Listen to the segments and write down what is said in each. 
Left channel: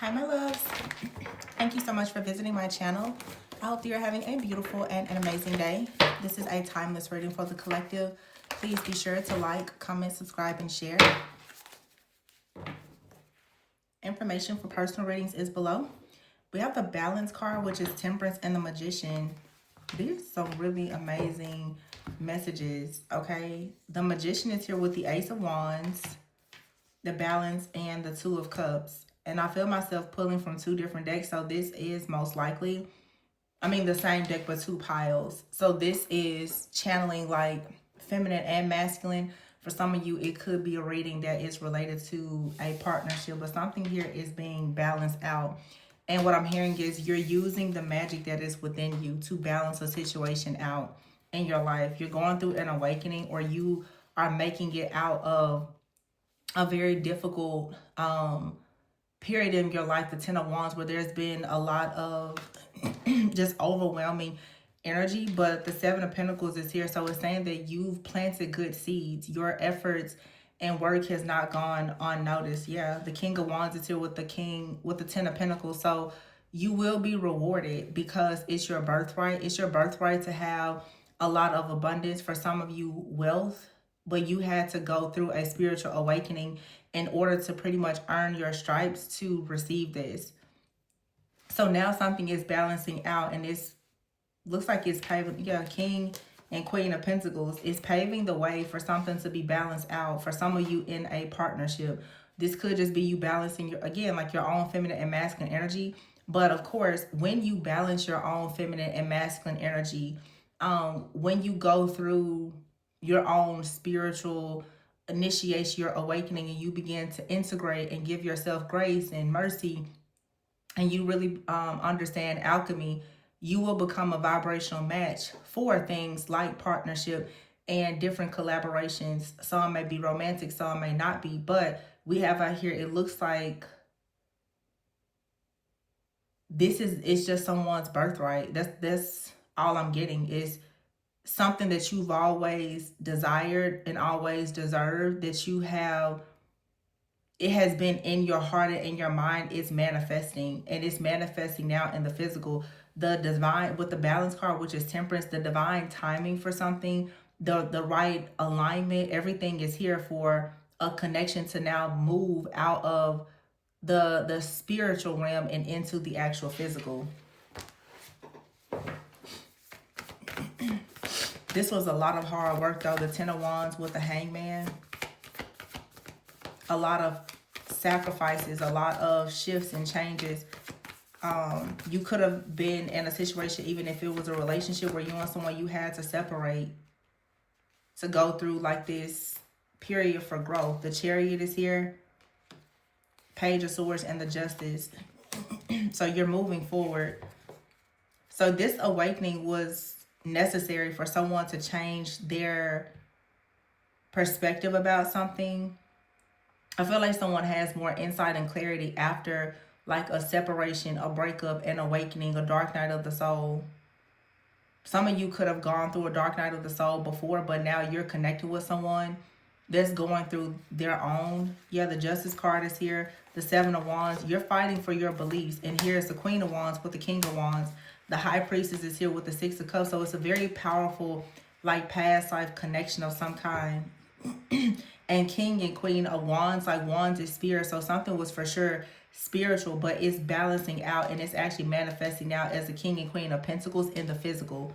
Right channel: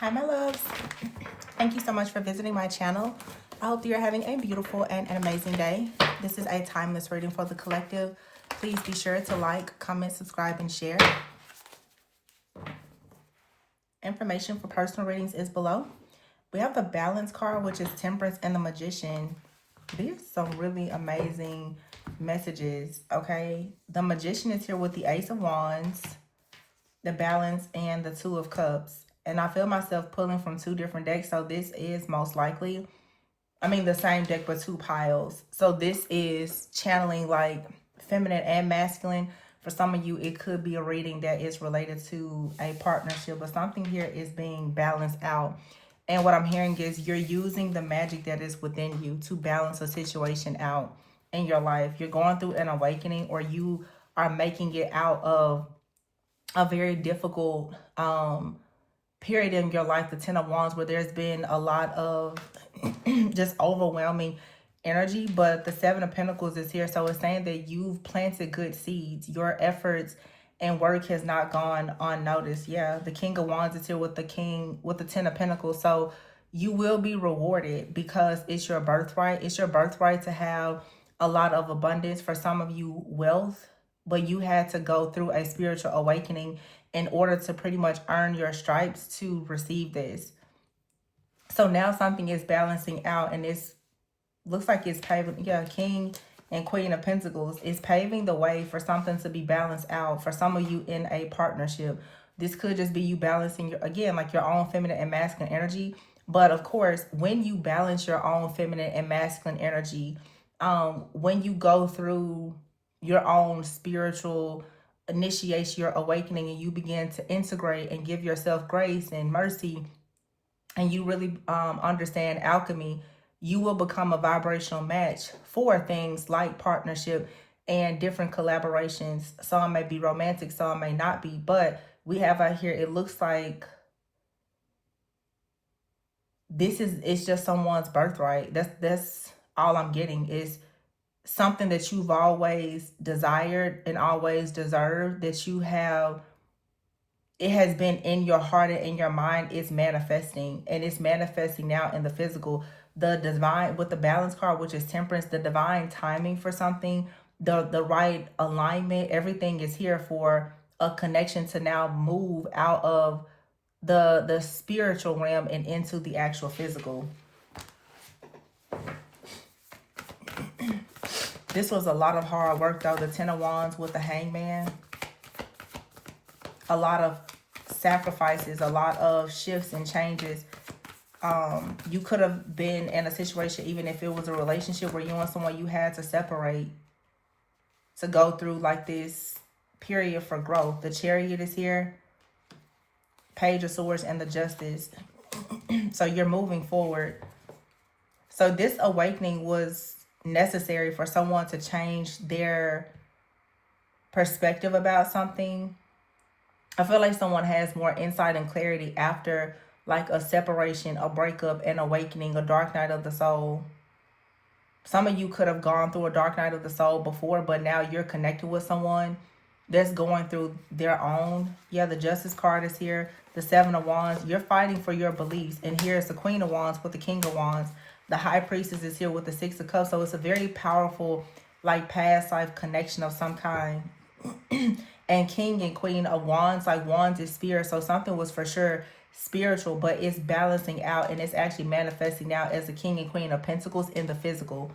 Hi, my loves. Thank you so much for visiting my channel. I hope you're having a beautiful and an amazing day. This is a timeless reading for the collective. Please be sure to like, comment, subscribe, and share. Information for personal readings is below. We have the Balance card, which is Temperance, and the Magician. These are some really amazing messages, okay? The Magician is here with the Ace of Wands, the Balance, and the Two of Cups. And I feel myself pulling from two different decks, so this is most likely, the same deck but two piles. So this is channeling like feminine and masculine. For some of you, it could be a reading that is related to a partnership, but something here is being balanced out. And what I'm hearing is you're using the magic that is within you to balance a situation out in your life. You're going through an awakening, or you are making it out of a very difficult period in your life, the Ten of Wands, where there's been a lot of just overwhelming energy. But the Seven of Pentacles is here, so it's saying that you've planted good seeds. Your efforts and work has not gone unnoticed. Yeah, the King of Wands is here with the Ten of Pentacles. So you will be rewarded because it's your birthright. It's your birthright to have a lot of abundance. For some of you, wealth. But you had to go through a spiritual awakening in order to pretty much earn your stripes to receive this. So now something is balancing out, and this looks like it's paving, King and Queen of Pentacles is paving the way for something to be balanced out for some of you in a partnership. This could just be you balancing your own feminine and masculine energy. But of course, when you balance your own feminine and masculine energy, when you go through your own spiritual initiation, your awakening, and you begin to integrate and give yourself grace and mercy, and you really understand alchemy, you will become a vibrational match for things like partnership and different collaborations. Some may be romantic, some may not be, but we have out here, it looks like it's just someone's birthright. That's all I'm getting, is something that you've always desired and always deserved, that you have, it has been in your heart and in your mind. It's manifesting, and it's manifesting now in the physical. The divine, with the Balance card, which is Temperance, the divine timing for something, the right alignment, everything is here for a connection to now move out of the spiritual realm and into the actual physical. This was a lot of hard work, though. The Ten of Wands with the Hangman. A lot of sacrifices, a lot of shifts and changes. You could have been in a situation, even if it was a relationship where you and someone, you had to separate to go through like this period for growth. The Chariot is here. Page of Swords and the Justice. So you're moving forward. So this awakening was necessary for someone to change their perspective about something. I feel like someone has more insight and clarity after like a separation, a breakup, an awakening, a dark night of the soul. Some of you could have gone through a dark night of the soul before, but now you're connected with someone that's going through their own. Yeah, the Justice card is here. The Seven of Wands. You're fighting for your beliefs. And here's the Queen of Wands with the King of Wands. The High Priestess is here with the Six of Cups. So it's a very powerful, like, past life connection of some kind. And King and Queen of Wands, like, Wands is spirit. So something was for sure spiritual, but it's balancing out, and it's actually manifesting out as the King and Queen of Pentacles in the physical.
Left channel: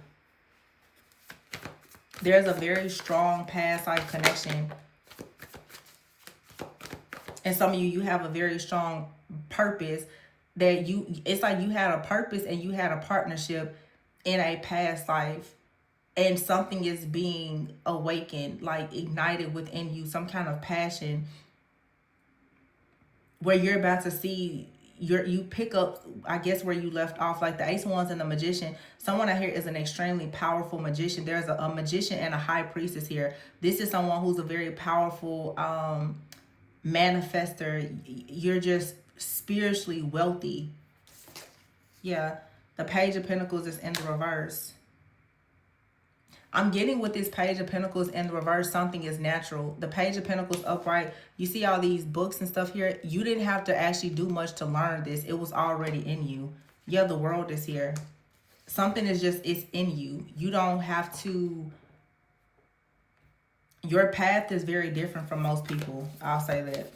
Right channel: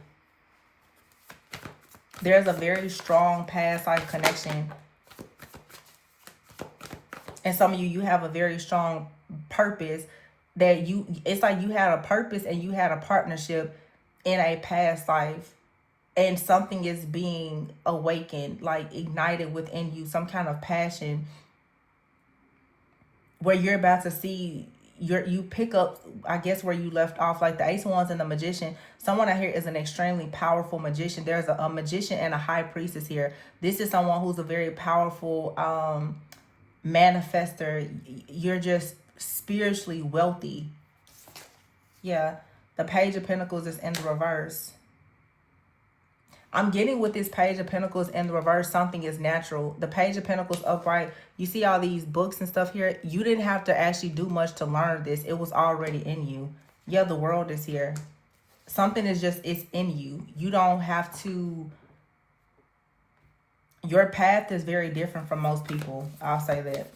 There's a very strong past life connection. And some of you have a very strong purpose that it's like you had a purpose and you had a partnership in a past life, and something is being awakened, like ignited within you, some kind of passion where you're about to see, you pick up, I guess, where you left off. Like the Ace of Wands and the Magician. Someone out here is an extremely powerful magician. There's a magician and a High Priestess here. This is someone who's a very powerful manifester. You're just spiritually wealthy. Yeah, the Page of Pentacles is in reverse. I'm getting with this Page of Pentacles in the reverse, something is natural. The Page of Pentacles upright, you see all these books and stuff here. You didn't have to actually do much to learn this. It was already in you. Yeah, the world is here. Something is just, it's in you. You don't have to, your path is very different from most people. I'll say that.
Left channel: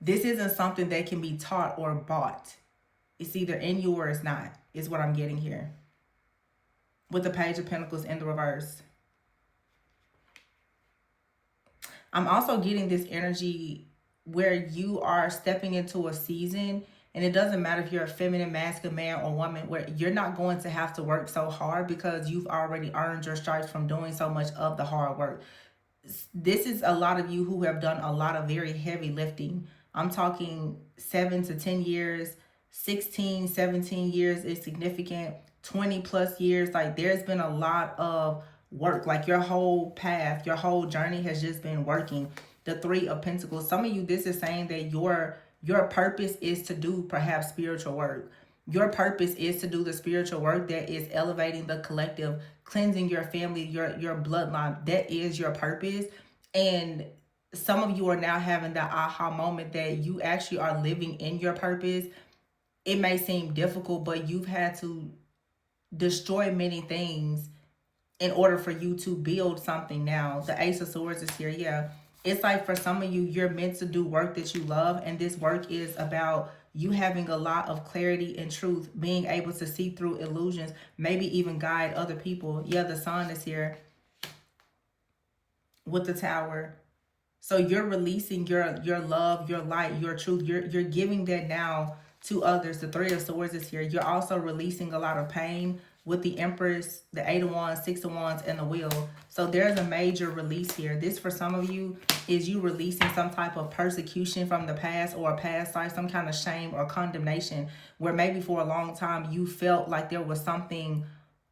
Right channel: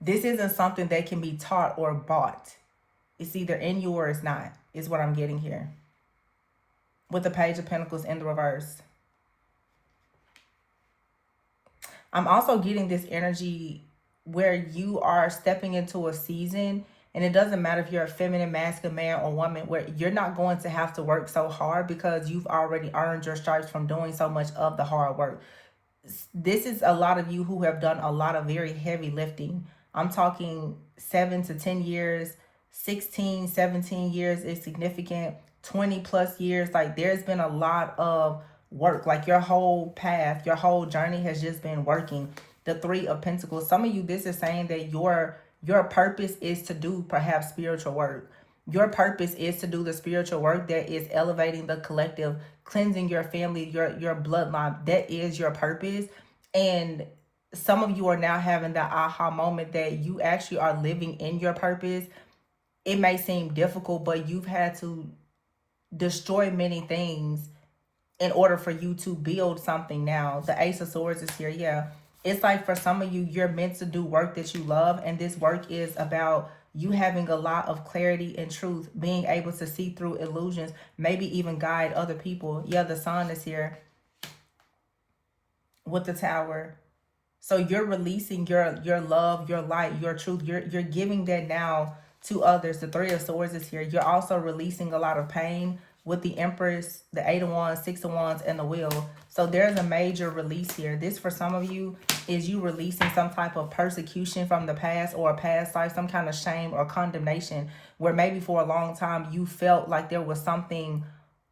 This isn't something that can be taught or bought. It's either in you or it's not, is what I'm getting here. With the Page of Pentacles in the reverse. I'm also getting this energy where you are stepping into a season, and it doesn't matter if you're a feminine, masculine, man, or woman, where you're not going to have to work so hard because you've already earned your stripes from doing so much of the hard work. This is a lot of you who have done a lot of very heavy lifting. I'm talking 7 to 10 years, 16, 17 years is significant, 20 plus years. Like, there's been a lot of work. Like, your whole path, your whole journey has just been working. The Three of Pentacles. Some of you, this is saying that your purpose is to do perhaps spiritual work. Your purpose is to do the spiritual work that is elevating the collective, cleansing your family, your bloodline. That is your purpose. And some of you are now having that aha moment that you actually are living in your purpose. It may seem difficult, but you've had to destroy many things in order for you to build something now. The Ace of Swords is here. Yeah. It's like for some of you, you're meant to do work that you love. And this work is about you having a lot of clarity and truth, being able to see through illusions, maybe even guide other people. Yeah, the Sun is here with the Tower. So you're releasing your love, your light, your truth. You're giving that now to others. The Three of Swords is here. You're also releasing a lot of pain with the Empress, the Eight of Wands, Six of Wands, and the Wheel. So there's a major release here. This, for some of you, is you releasing some type of persecution from the past or a past life, some kind of shame or condemnation, where maybe for a long time you felt like there was something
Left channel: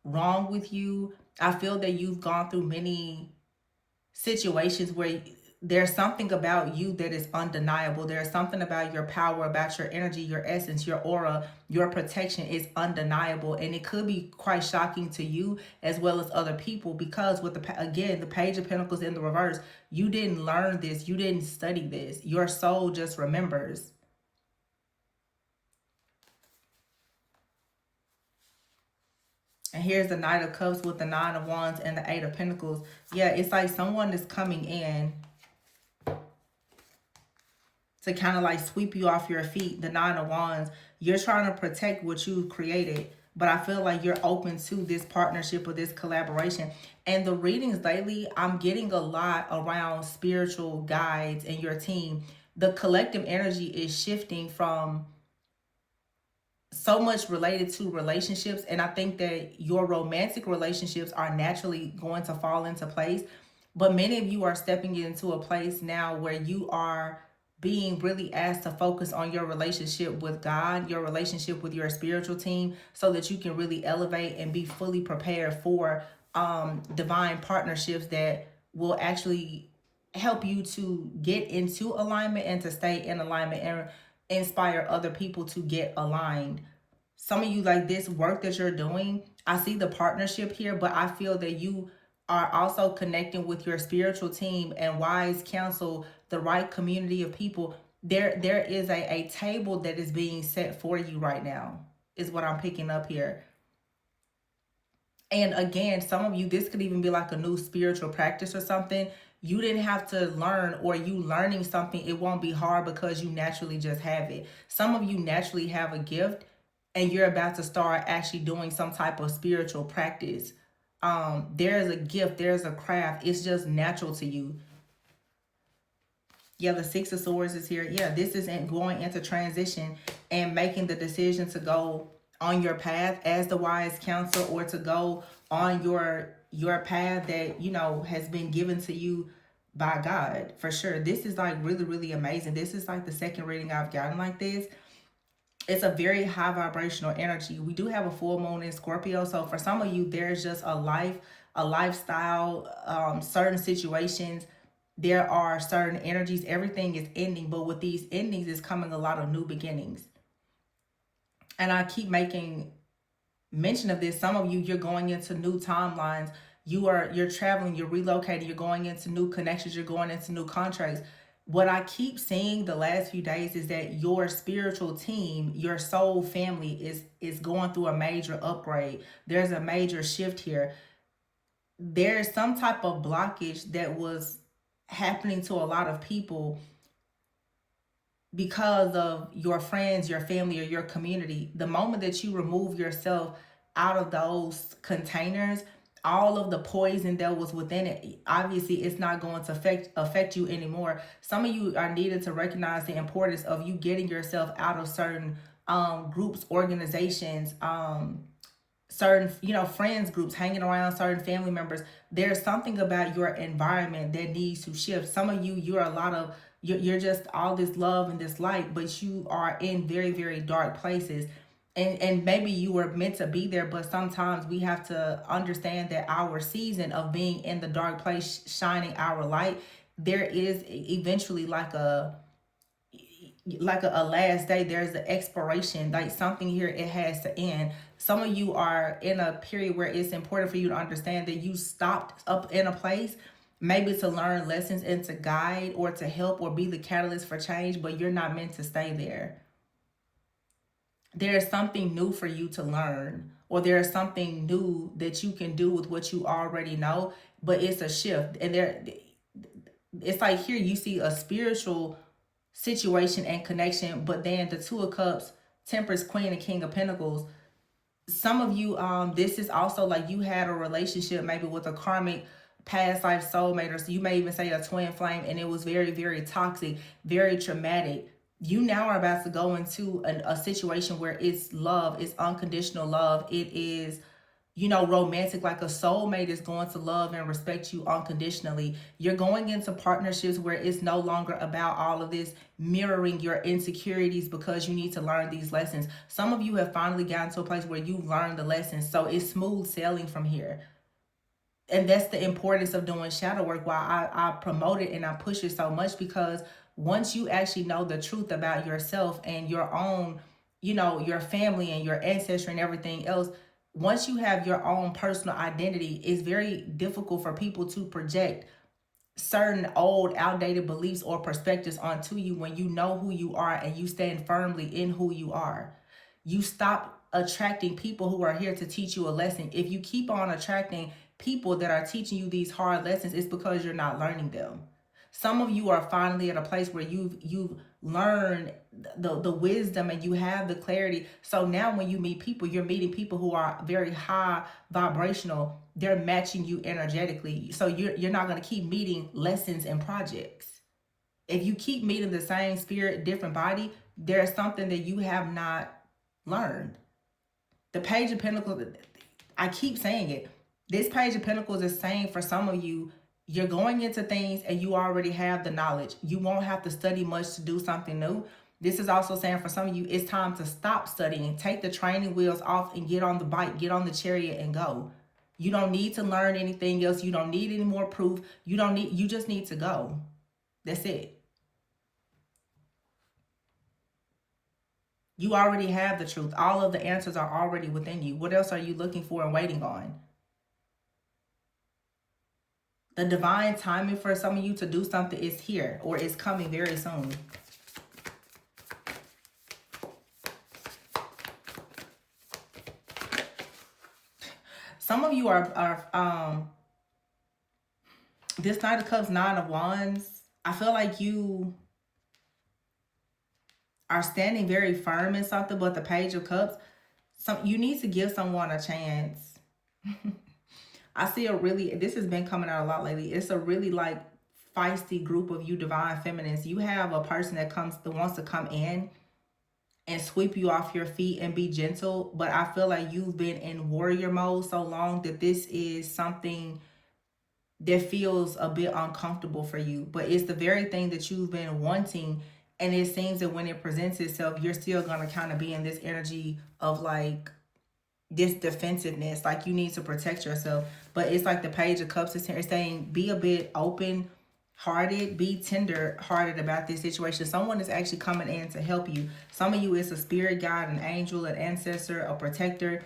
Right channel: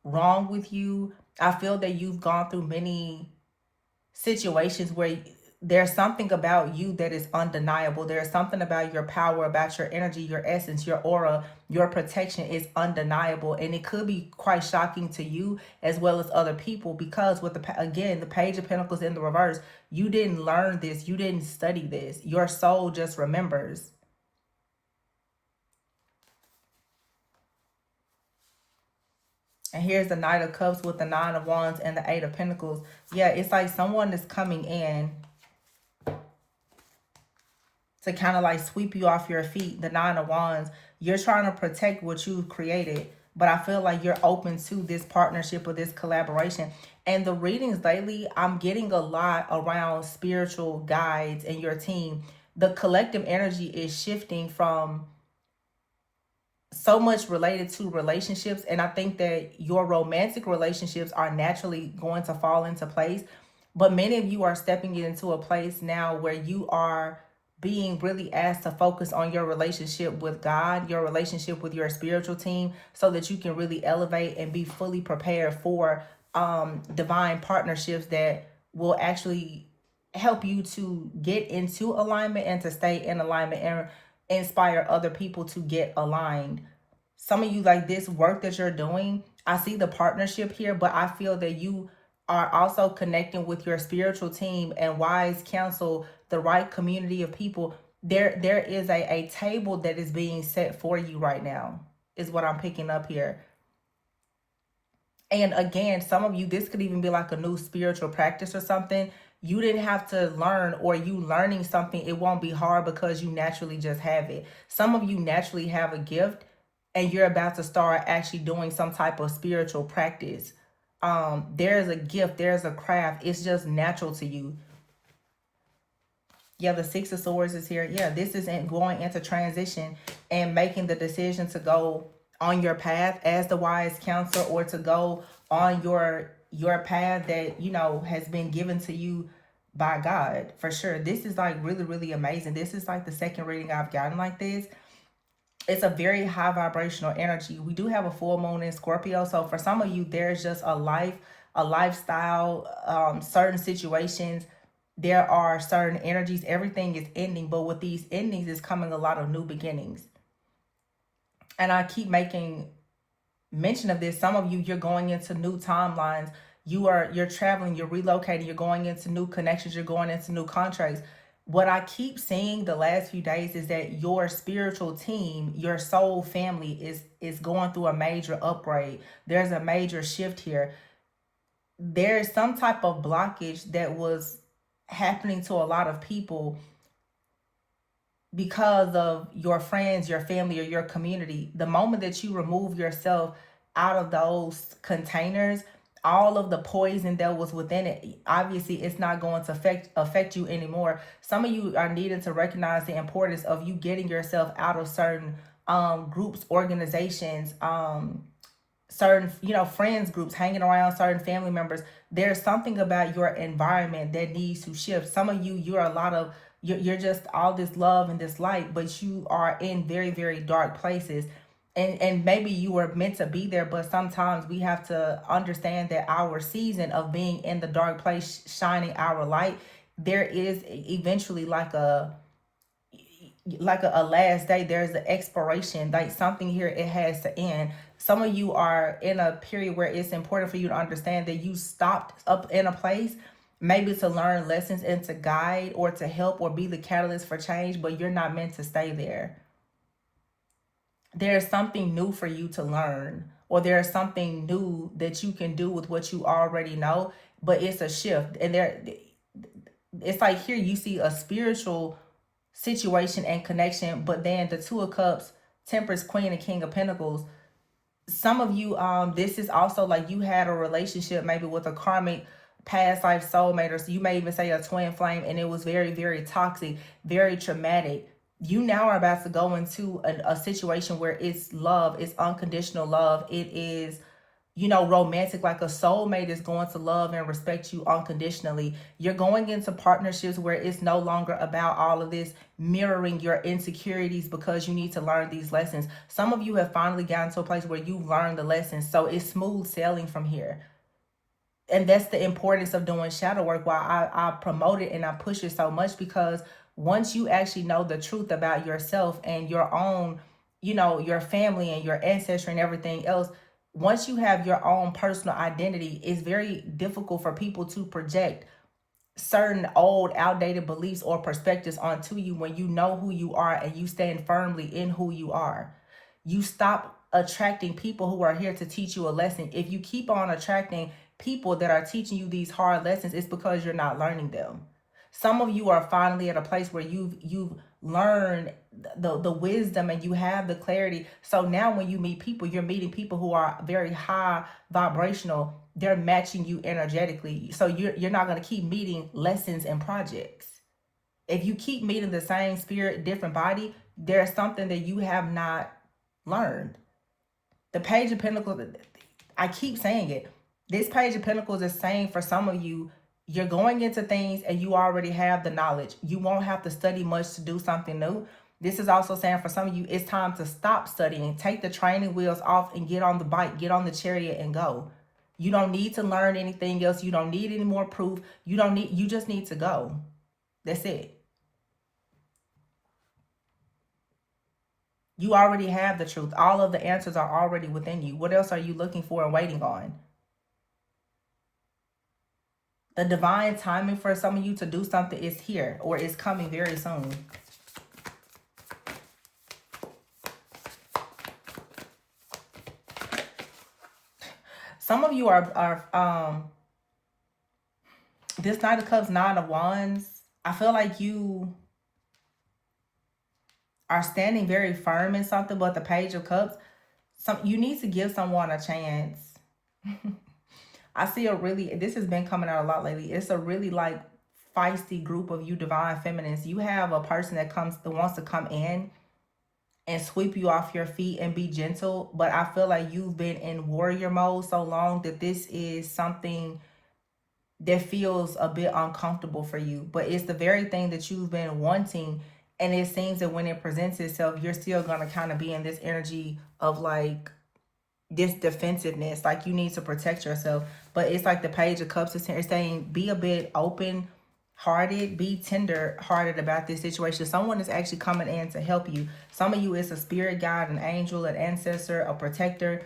wrong with you. I feel that you've gone through many situations where there's something about you that is undeniable. There's something about your power, about your energy, your essence, your aura, your protection is undeniable. And it could be quite shocking to you as well as other people, because with the Page of Pentacles in the reverse, you didn't learn this. You didn't study this. Your soul just remembers. And here's the Knight of Cups with the Nine of Wands and the Eight of Pentacles. Yeah, it's like someone is coming in to kind of like sweep you off your feet. The Nine of Wands, you're trying to protect what you've created, but I feel like you're open to this partnership or this collaboration. And the readings lately, I'm getting a lot around spiritual guides and your team. The collective energy is shifting from so much related to relationships, and I think that your romantic relationships are naturally going to fall into place, but many of you are stepping into a place now where you are being really asked to focus on your relationship with God, your relationship with your spiritual team, so that you can really elevate and be fully prepared for divine partnerships that will actually help you to get into alignment and to stay in alignment and inspire other people to get aligned. Some of you, like this work that you're doing, I see the partnership here, but I feel that you are also connecting with your spiritual team and wise counsel, the right community of people. There is a table that is being set for you right now, is what I'm picking up here. And again, some of you, this could even be like a new spiritual practice or something. You didn't have to learn, or you learning something, it won't be hard because you naturally just have it. Some of you naturally have a gift and you're about to start actually doing some type of spiritual practice. There's a gift, there's a craft. It's just natural to you. Yeah, the Six of Swords is here. Yeah, this is going into transition and making the decision to go on your path as the wise counsel, or to go on your path that, you know, has been given to you by God, for sure. This is like really, really amazing. This is like the second reading I've gotten like this. It's a very high vibrational energy. We do have a full moon in Scorpio. So for some of you, there's just a lifestyle, certain situations. There are certain energies. Everything is ending. But with these endings is coming a lot of new beginnings. And I keep making mention of this. Some of you, you're going into new timelines. You're traveling, you're relocating, you're going into new connections, you're going into new contracts. What I keep seeing the last few days is that your spiritual team, your soul family is going through a major upgrade. There's a major shift here. There's some type of blockage that was happening to a lot of people because of your friends, your family, or your community. The moment that you remove yourself out of those containers, all of the poison that was within it, obviously it's not going to affect you anymore. Some of you are needed to recognize the importance of you getting yourself out of certain groups, organizations, certain, friends groups, hanging around certain family members. There's something about your environment that needs to shift. Some of you, you're just all this love and this light, but you are in very, very dark places. And maybe you were meant to be there, but sometimes we have to understand that our season of being in the dark place, shining our light, there is eventually a last day. There's an expiration, like something here, it has to end. Some of you are in a period where it's important for you to understand that you stopped up in a place, maybe to learn lessons and to guide or to help or be the catalyst for change, but you're not meant to stay there. There's something new for you to learn, or there's something new that you can do with what you already know, but it's a shift. And it's like here you see a spiritual situation and connection, but then the Two of Cups, Temperance, Queen, and King of Pentacles. Some of you, this is also like you had a relationship maybe with a karmic past life soulmate, or so you may even say a twin flame, and it was very, very toxic, very traumatic. You now are about to go into a situation where it's love, it's unconditional love, it is romantic, like a soulmate is going to love and respect you unconditionally. You're going into partnerships where it's no longer about all of this mirroring your insecurities, because you need to learn these lessons. Some of you have finally gotten to a place where you've learned the lessons, so it's smooth sailing from here. And that's the importance of doing shadow work, why I promote it and I push it so much, because once you actually know the truth about yourself and your own, your family and your ancestry and everything else, once you have your own personal identity, it's very difficult for people to project certain old outdated beliefs or perspectives onto you when you know who you are and you stand firmly in who you are. You stop attracting people who are here to teach you a lesson. If you keep on attracting people that are teaching you these hard lessons, it's because you're not learning them. Some of you are finally at a place where you've learned the wisdom and you have the clarity. So now when you meet people, you're meeting people who are very high vibrational. They're matching you energetically. So you're not going to keep meeting lessons and projects. If you keep meeting the same spirit, different body, there's something that you have not learned. The Page of Pentacles, I keep saying it. This Page of Pentacles is saying for some of you, you're going into things and you already have the knowledge. You won't have to study much to do something new. This is also saying for some of you, it's time to stop studying. Take the training wheels off and get on the bike, get on the chariot and go. You don't need to learn anything else. You don't need any more proof. You just need to go. That's it. You already have the truth. All of the answers are already within you. What else are you looking for and waiting on? The divine timing for some of you to do something is here, or is coming very soon. Some of you are this Knight of Cups, Nine of Wands. I feel like you are standing very firm in something, but the Page of Cups, you need to give someone a chance. I see this has been coming out a lot lately. It's a really like feisty group of you divine feminines. You have a person that wants to come in and sweep you off your feet and be gentle, but I feel like you've been in warrior mode so long that this is something that feels a bit uncomfortable for you, but it's the very thing that you've been wanting. And it seems that when it presents itself, you're still going to kind of be in this energy of like this defensiveness, like you need to protect yourself. But it's like the Page of Cups is saying, be a bit open hearted, be tender hearted about this situation. Someone is actually coming in to help you. Some of you, it's a spirit guide, an angel, an ancestor, a protector.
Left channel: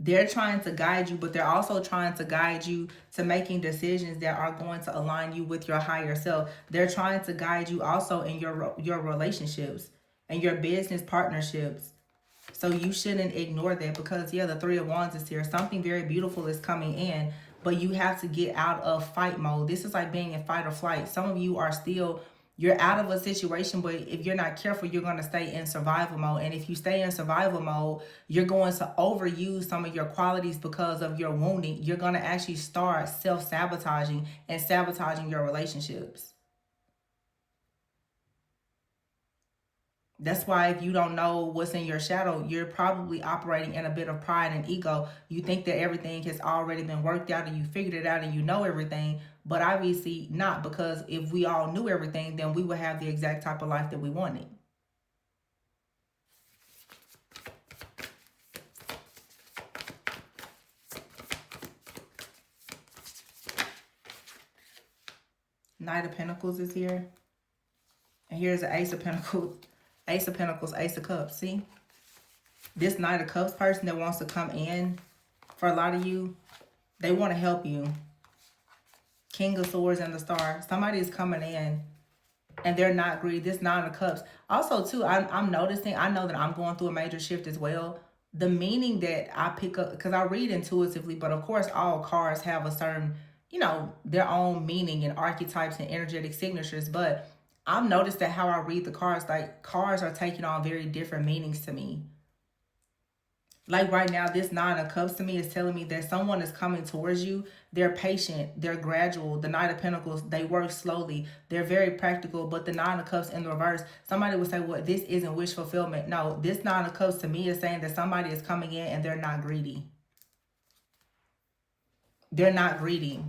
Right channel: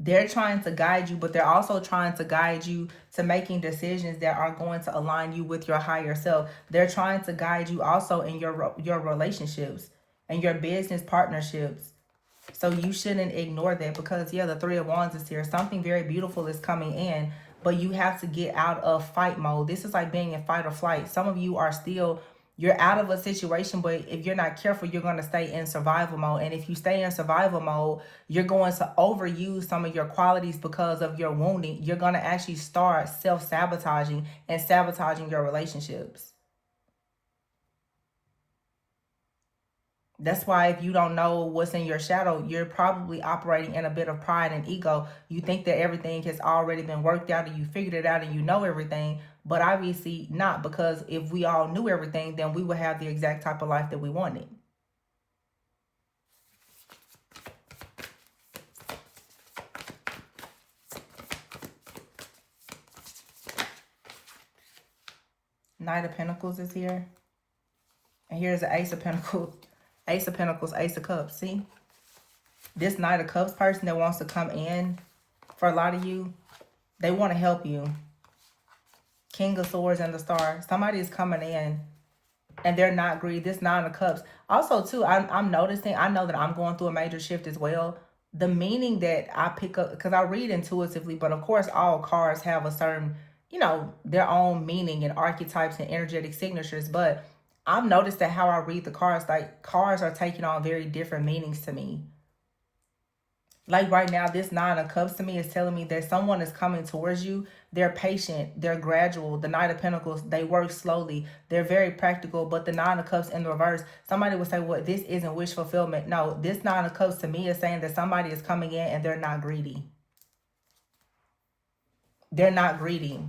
They're trying to guide you, but they're also trying to guide you to making decisions that are going to align you with your higher self. They're trying to guide you also in your relationships and your business partnerships. So you shouldn't ignore that, because yeah, the Three of Wands is here. Something very beautiful is coming in, but you have to get out of fight mode. This is like being in fight or flight. Some of you are still, you're out of a situation, but if you're not careful, you're going to stay in survival mode. And if you stay in survival mode, you're going to overuse some of your qualities because of your wounding. You're going to actually start self-sabotaging and sabotaging your relationships. That's why if you don't know what's in your shadow, you're probably operating in a bit of pride and ego. You think that everything has already been worked out and you figured it out and you know everything, but obviously not, because if we all knew everything, then we would have the exact type of life that we wanted. Knight of Pentacles is here. And here's the Ace of Pentacles. Ace of Pentacles, Ace of Cups. See? This Knight of Cups person that wants to come in, for a lot of you, they want to help you. King of Swords and the Star. Somebody is coming in and they're not greedy. This Nine of Cups. Also, too, I'm noticing, I know that I'm going through a major shift as well. The meaning that I pick up, because I read intuitively, but of course all cards have a certain, you know, their own meaning and archetypes and energetic signatures. But I've noticed that how I read the cards, like cards are taking on very different meanings to me. Like right now, this Nine of Cups to me is telling me that someone is coming towards you. They're patient. They're gradual. The Knight of Pentacles, they work slowly. They're very practical. But the Nine of Cups in the reverse, somebody would say, well, this isn't wish fulfillment. No, this Nine of Cups to me is saying that somebody is coming in and they're not greedy. They're not greedy.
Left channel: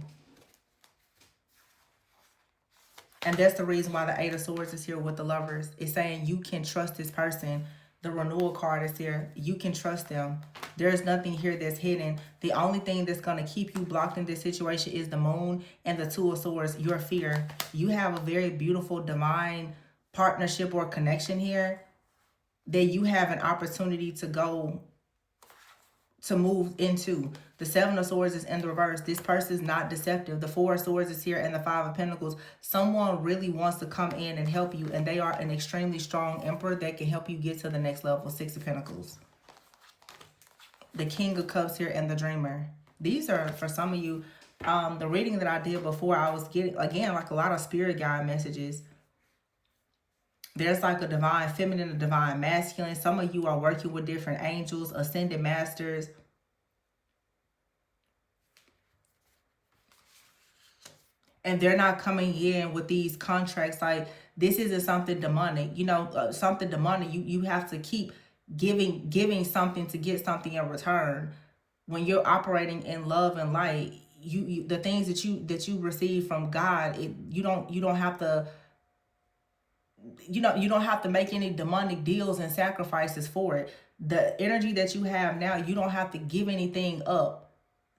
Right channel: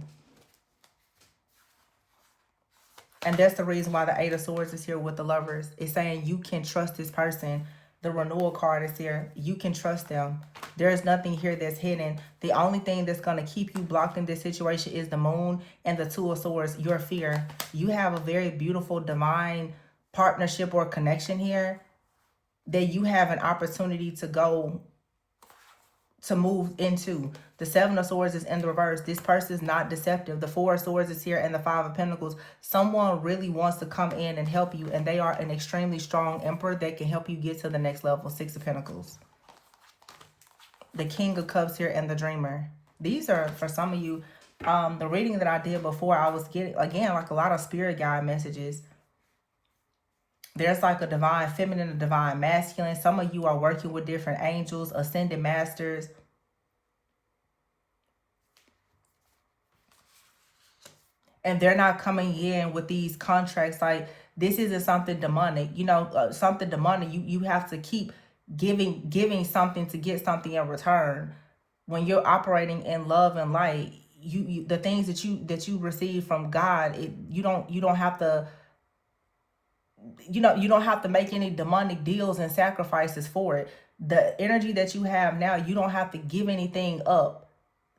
And that's the reason why the Eight of Swords is here with the Lovers. It's saying you can trust this person. The Renewal card is here. You can trust them. There's nothing here that's hidden. The only thing that's going to keep you blocked in this situation is the Moon and the Two of Swords, your fear. You have a very beautiful divine partnership or connection here that you have an opportunity to go to move into. The Seven of Swords is in the reverse. This person is not deceptive. The Four of Swords is here and the Five of Pentacles. Someone really wants to come in and help you, and they are an extremely strong emperor that can help you get to the next level. Six of Pentacles. The King of Cups here and the Dreamer. These are, for some of you, the reading that I did before, I was getting, again, like a lot of spirit guide messages. There's like a divine feminine, a divine masculine. Some of you are working with different angels, ascended masters. And they're not coming in with these contracts like this isn't something demonic. You know, something demonic. You have to keep giving something to get something in return. When you're operating in love and light, you the things that you receive from God, you don't have to, you know, you don't have to make any demonic deals and sacrifices for it. The energy that you have now, you don't have to give anything up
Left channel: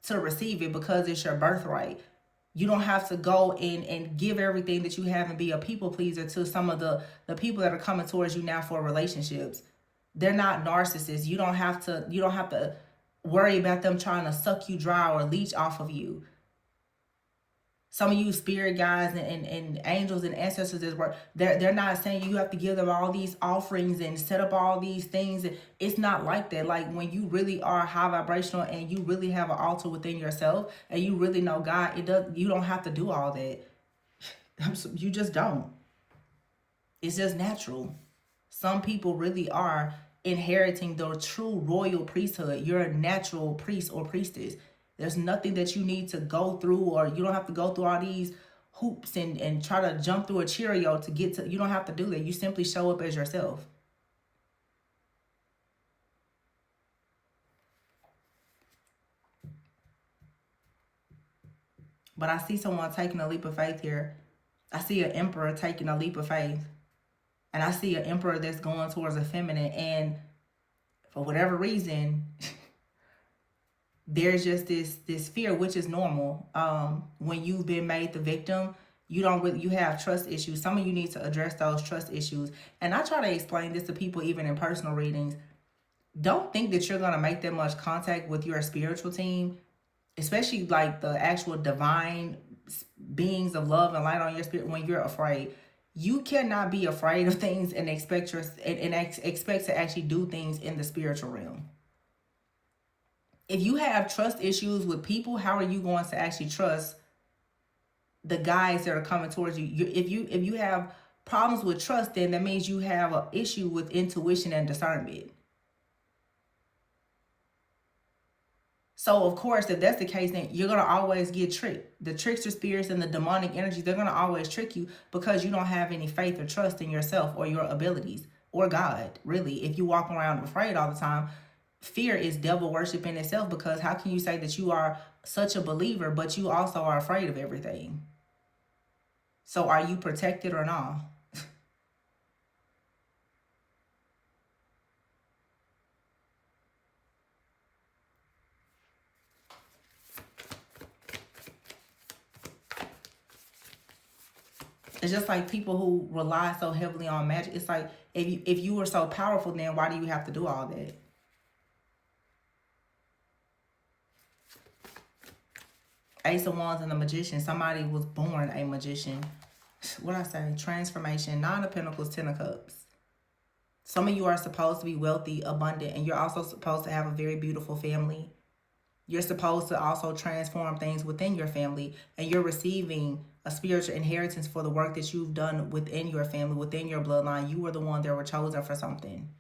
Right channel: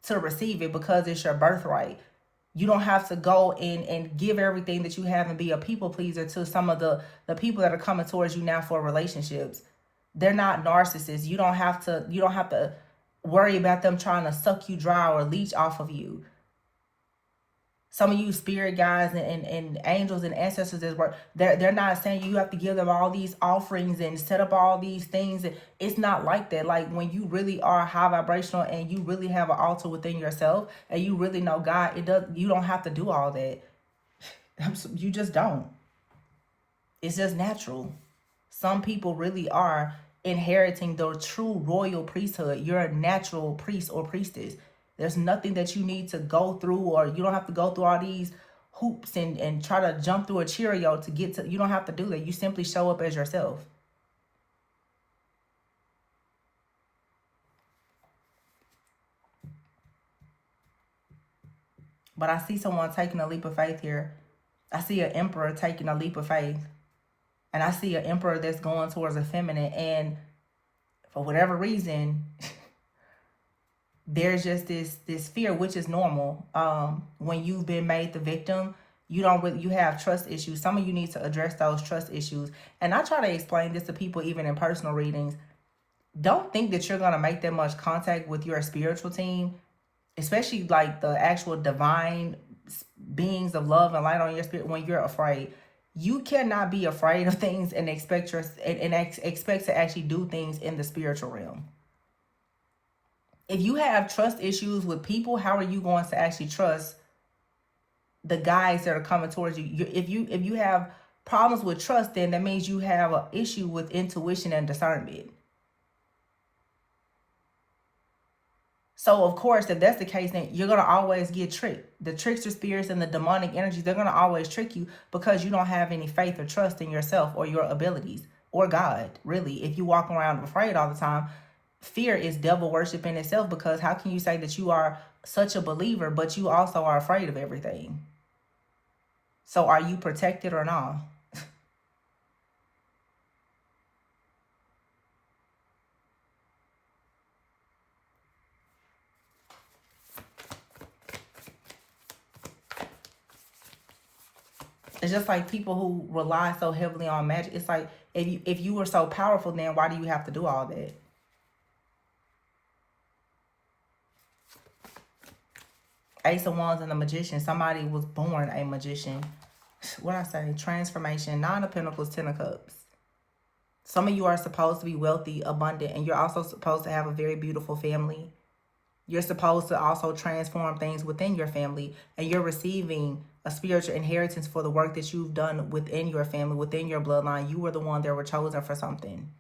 to receive it, because it's your birthright. You don't have to go in and give everything that you have and be a people pleaser to some of the people that are coming towards you now for relationships. They're not narcissists. You don't have to worry about them trying to suck you dry or leech off of you. Some of you spirit guides and angels and ancestors that work, they're not saying you have to give them all these offerings and set up all these things. It's not like that. Like when you really are high vibrational and you really have an altar within yourself and you really know God, you don't have to do all that. You just don't. It's just natural. Some people really are inheriting the true royal priesthood. You're a natural priest or priestess. There's nothing that you need to go through, or you don't have to go through all these hoops and try to jump through a Cheerio to get to. You don't have to do that. You simply show up as yourself. But I see someone taking a leap of faith here. I see an emperor taking a leap of faith. And I see an emperor that's going towards a feminine. And for whatever reason, there's just this fear, which is normal. When you've been made the victim, you have trust issues. Some of you need to address those trust issues. And I try to explain this to people even in personal readings. don't think that you're going to make that much contact with your spiritual team, especially like the actual divine beings of love and light on your spirit, when you're afraid. You cannot be afraid of things and expect expect to actually do things in the spiritual realm. If you have trust issues with people, how are you going to actually trust the guys that are coming towards you? If you have problems with trust, then that means you have an issue with intuition and discernment. So of course, if that's the case, then you're gonna always get tricked. The trickster spirits and the demonic energies, they're gonna always trick you because you don't have any faith or trust in yourself or your abilities or God. Really, if you walk around afraid all the time, fear is devil worship in itself. Because how can you say that you are such a believer, but you also are afraid of everything? So are you protected or not? It's just like people who rely so heavily on magic. It's like, if you were so powerful, then why do you have to do all that? Ace of Wands and the Magician. Somebody was born a magician. What I say? Transformation. Nine of Pentacles, Ten of Cups. Some of you are supposed to be wealthy, abundant, and you're also supposed to have a very beautiful family. You're supposed to also transform things within your family, and you're receiving a spiritual inheritance for the work that you've done within your family, within your bloodline. You were the one that were chosen for something.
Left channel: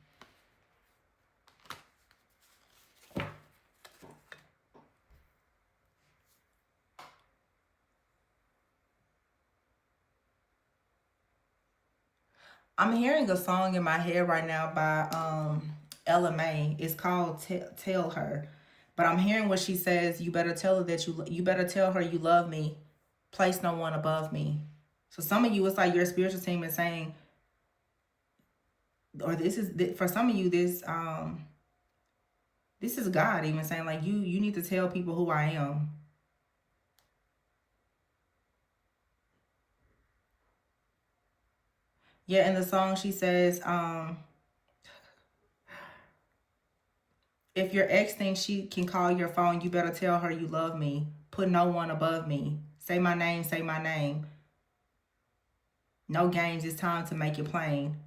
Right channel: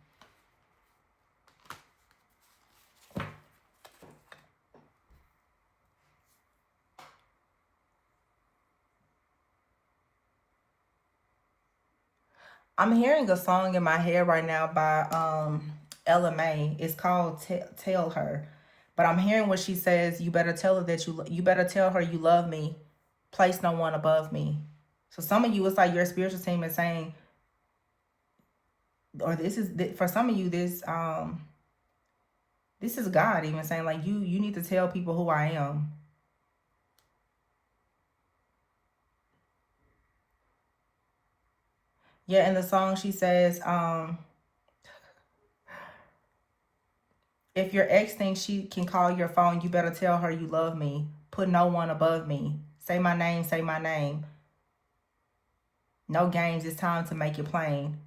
I'm hearing a song in my head right now by Ella May. It's called Tell Her. But I'm hearing what she says, you better tell her that you better tell her you love me. Place no one above me. So some of you, it's like your spiritual team is saying, or this is for some of you, this is God even saying, like, you need to tell people who I am. Yeah, in the song she says, if your ex thinks she can call your phone, you better tell her you love me. Put no one above me. Say my name, say my name. No games, it's time to make it plain.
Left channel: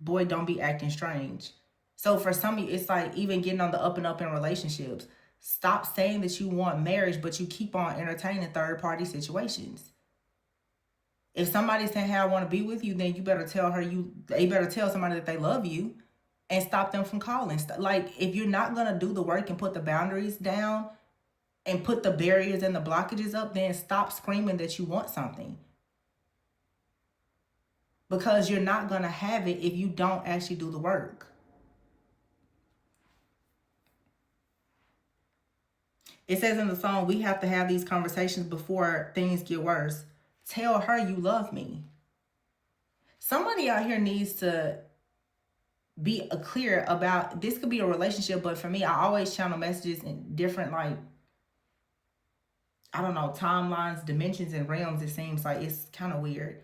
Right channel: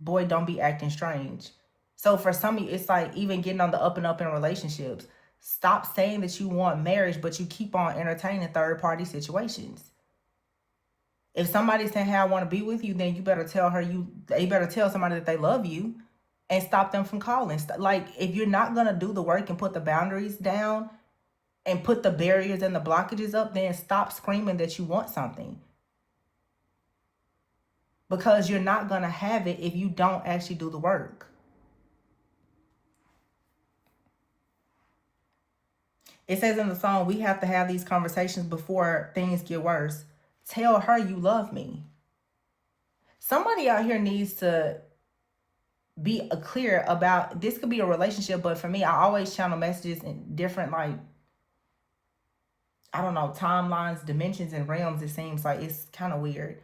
Boy, don't be acting strange. So for some of you, it's like even getting on the up and up in relationships. Stop saying that you want marriage, but you keep on entertaining third party situations. If somebody's saying, hey, I want to be with you, then you better tell her they better tell somebody that they love you and stop them from calling. Like, if you're not going to do the work and put the boundaries down and put the barriers and the blockages up, then stop screaming that you want something. Because you're not going to have it if you don't actually do the work. It says in the song, we have to have these conversations before things get worse. Tell her you love me. Somebody out here needs to be clear about, this could be a relationship, but for me, I always channel messages in different, like, I don't know, timelines, dimensions, and realms. It seems like it's kind of weird.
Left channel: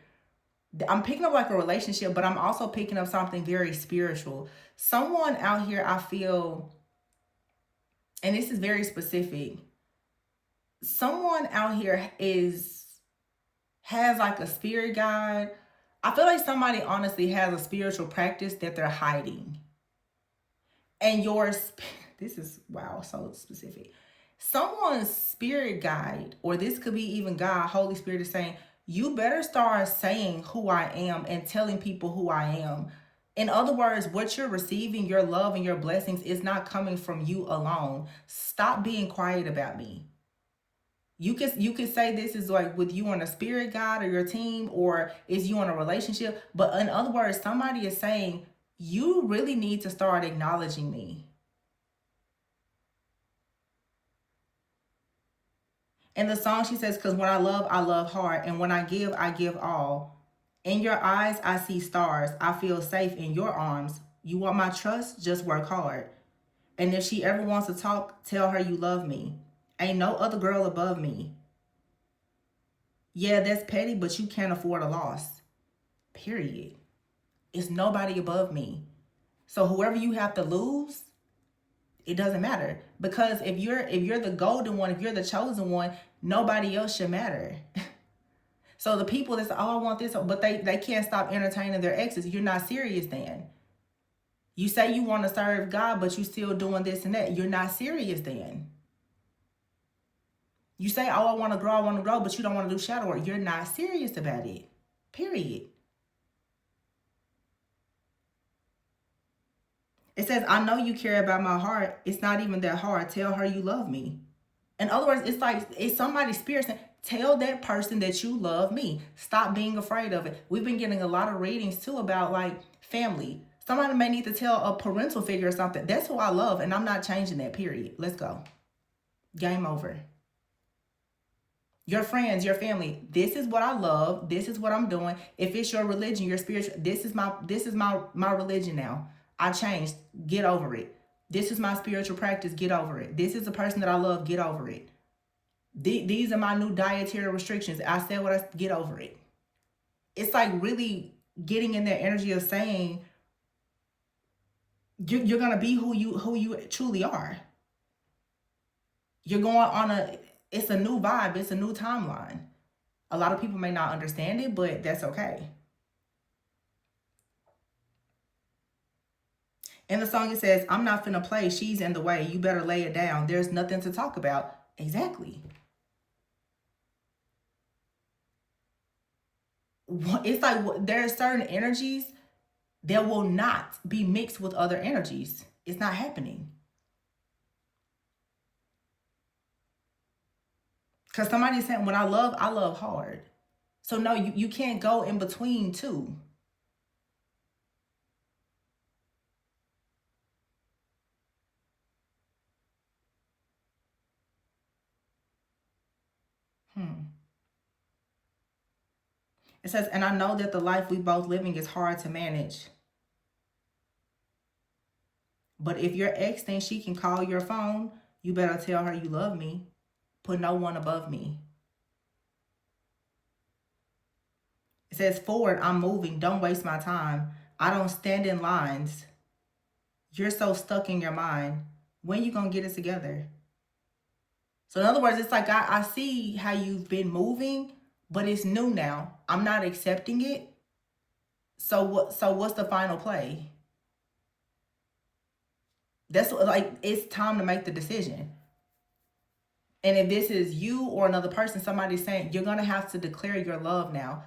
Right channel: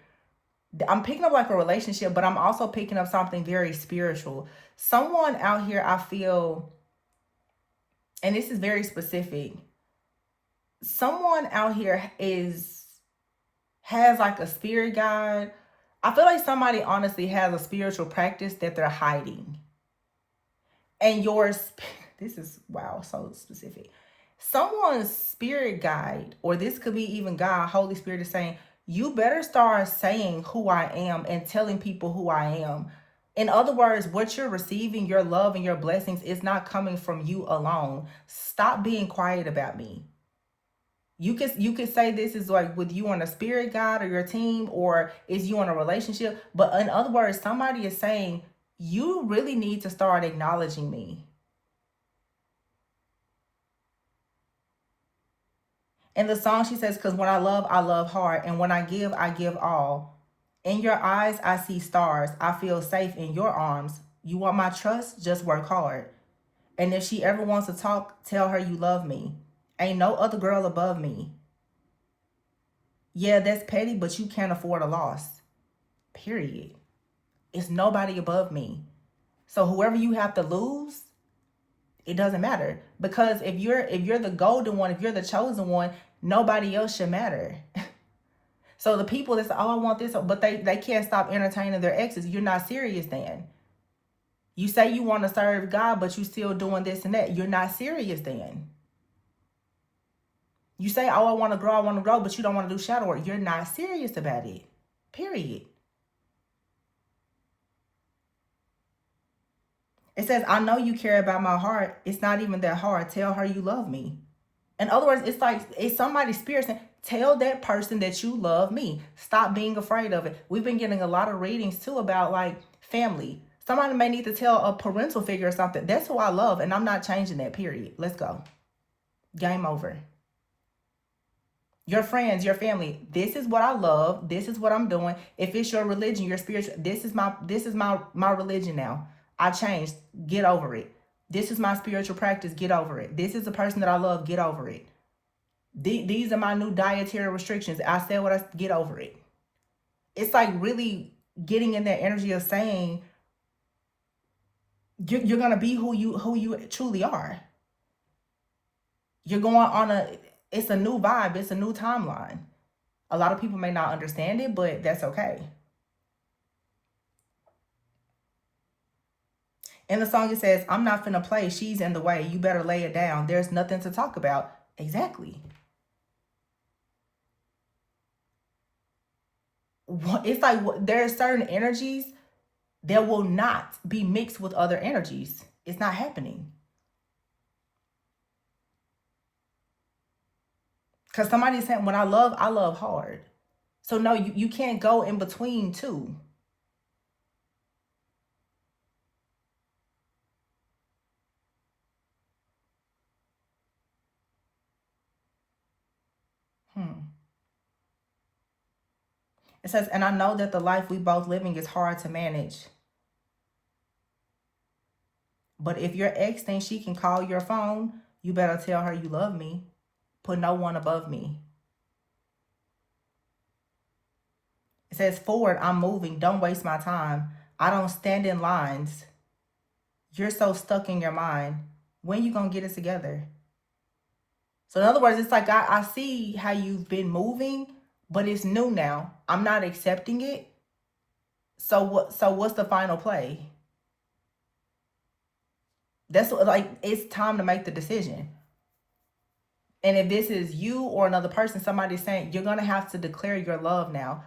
I'm picking up like a relationship, but I'm also picking up something very spiritual. Someone out here, I feel, and this is very specific, someone out here has like a spirit guide. I feel like somebody honestly has a spiritual practice that they're hiding. And this is, wow, so specific. Someone's spirit guide, or this could be even God, Holy Spirit, is saying, you better start saying who I am and telling people who I am. In other words, what you're receiving, your love and your blessings, is not coming from you alone. Stop being quiet about me. You can say this is like with you on a spirit guide or your team, or is you on a relationship. But in other words, somebody is saying, you really need to start acknowledging me. In the song, she says, because when I love hard. And when I give all. In your eyes, I see stars. I feel safe in your arms. You want my trust? Just work hard. And if she ever wants to talk, tell her you love me. Ain't no other girl above me. Yeah, that's petty, but you can't afford a loss. Period. It's nobody above me. So whoever you have to lose, it doesn't matter. Because if you're the golden one, if you're the chosen one, nobody else should matter. So the people that say, oh, I want this, but they can't stop entertaining their exes, you're not serious then. You say you want to serve God, but you still doing this and that. You're not serious then. You say, oh, I want to grow, but you don't want to do shadow work. You're not serious about it. Period. It says, I know you care about my heart. It's not even that hard. Tell her you love me. In other words, it's like, it's somebody's spirit saying, tell that person that you love me. Stop being afraid of it. We've been getting a lot of readings too about like family. Somebody may need to tell a parental figure or something. That's who I love, and I'm not changing that, period. Let's go. Game over. Your friends, your family, this is what I love. This is what I'm doing. If it's your religion, your spiritual, this is my religion now. I changed. Get over it. This is my spiritual practice. Get over it. This is the person that I love. Get over it. These are my new dietary restrictions. I said what I get over it. It's like really getting in that energy of saying you're gonna be who you truly are. You're going on it's a new vibe. It's a new timeline. A lot of people may not understand it, but that's okay. In the song, it says, I'm not finna play. She's in the way. You better lay it down. There's nothing to talk about. Exactly. It's like there are certain energies that will not be mixed with other energies. It's not happening. Because somebody's saying, when I love hard. So no, you can't go in between two. It says, and I know that the life we both living is hard to manage. But if your ex thinks she can call your phone, you better tell her you love me. Put no one above me. It says, forward, I'm moving. Don't waste my time. I don't stand in lines. You're so stuck in your mind. When you gonna get it together? So in other words, it's like I see how you've been moving, but it's new now. I'm not accepting it. So what's the final play? That's like, it's time to make the decision. And if this is you or another person, somebody's saying, you're gonna have to declare your love now.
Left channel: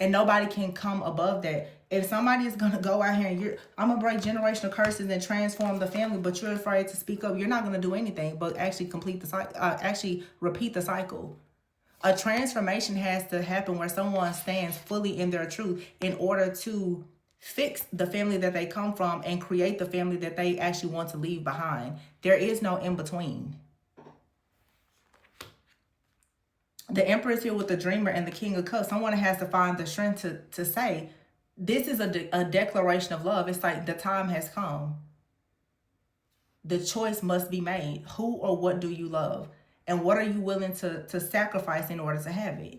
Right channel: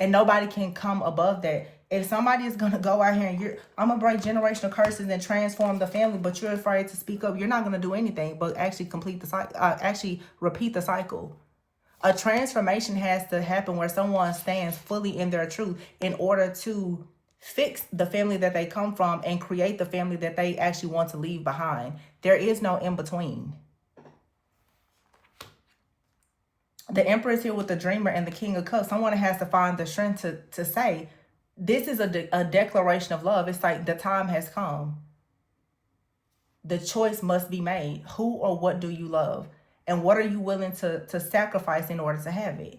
And nobody can come above that. If somebody is gonna go out here and I'm gonna break generational curses and transform the family, but you're afraid to speak up, you're not gonna do anything but actually complete the cycle, actually repeat the cycle. A transformation has to happen where someone stands fully in their truth in order to fix the family that they come from and create the family that they actually want to leave behind. There is no in between. The Empress here with the Dreamer and the King of Cups. Someone has to find the strength to say, this is a declaration of love. It's like the time has come. The choice must be made. Who or what do you love? And what are you willing to sacrifice in order to have it?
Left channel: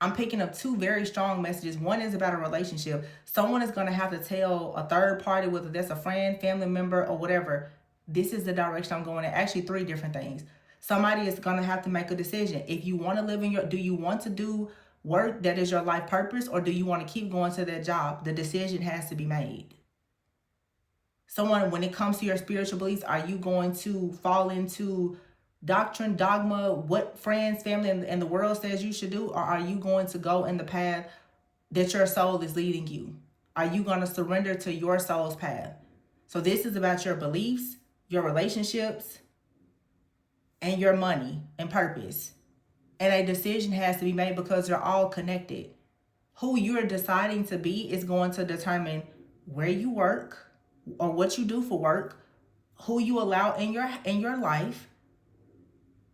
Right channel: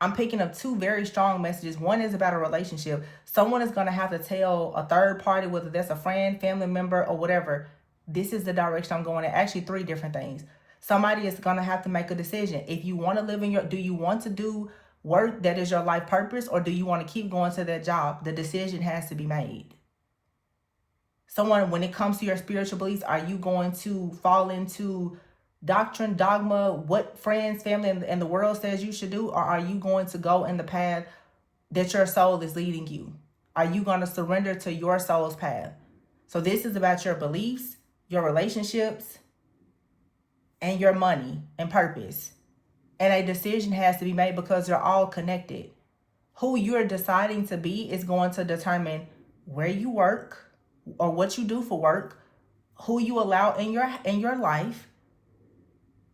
I'm picking up two very strong messages. One is about a relationship. Someone is going to have to tell a third party, whether that's a friend, family member, or whatever, this is the direction I'm going in. Actually, three different things. Somebody is going to have to make a decision. If you want to live in do you want to do work that is your life purpose, or do you want to keep going to that job? The decision has to be made. Someone, when it comes to your spiritual beliefs, are you going to fall into doctrine, dogma, what friends, family, and the world says you should do? Or are you going to go in the path that your soul is leading you? Are you going to surrender to your soul's path? So this is about your beliefs, your relationships, and your money and purpose. And a decision has to be made because they're all connected. Who you're deciding to be is going to determine where you work or what you do for work, who you allow in your life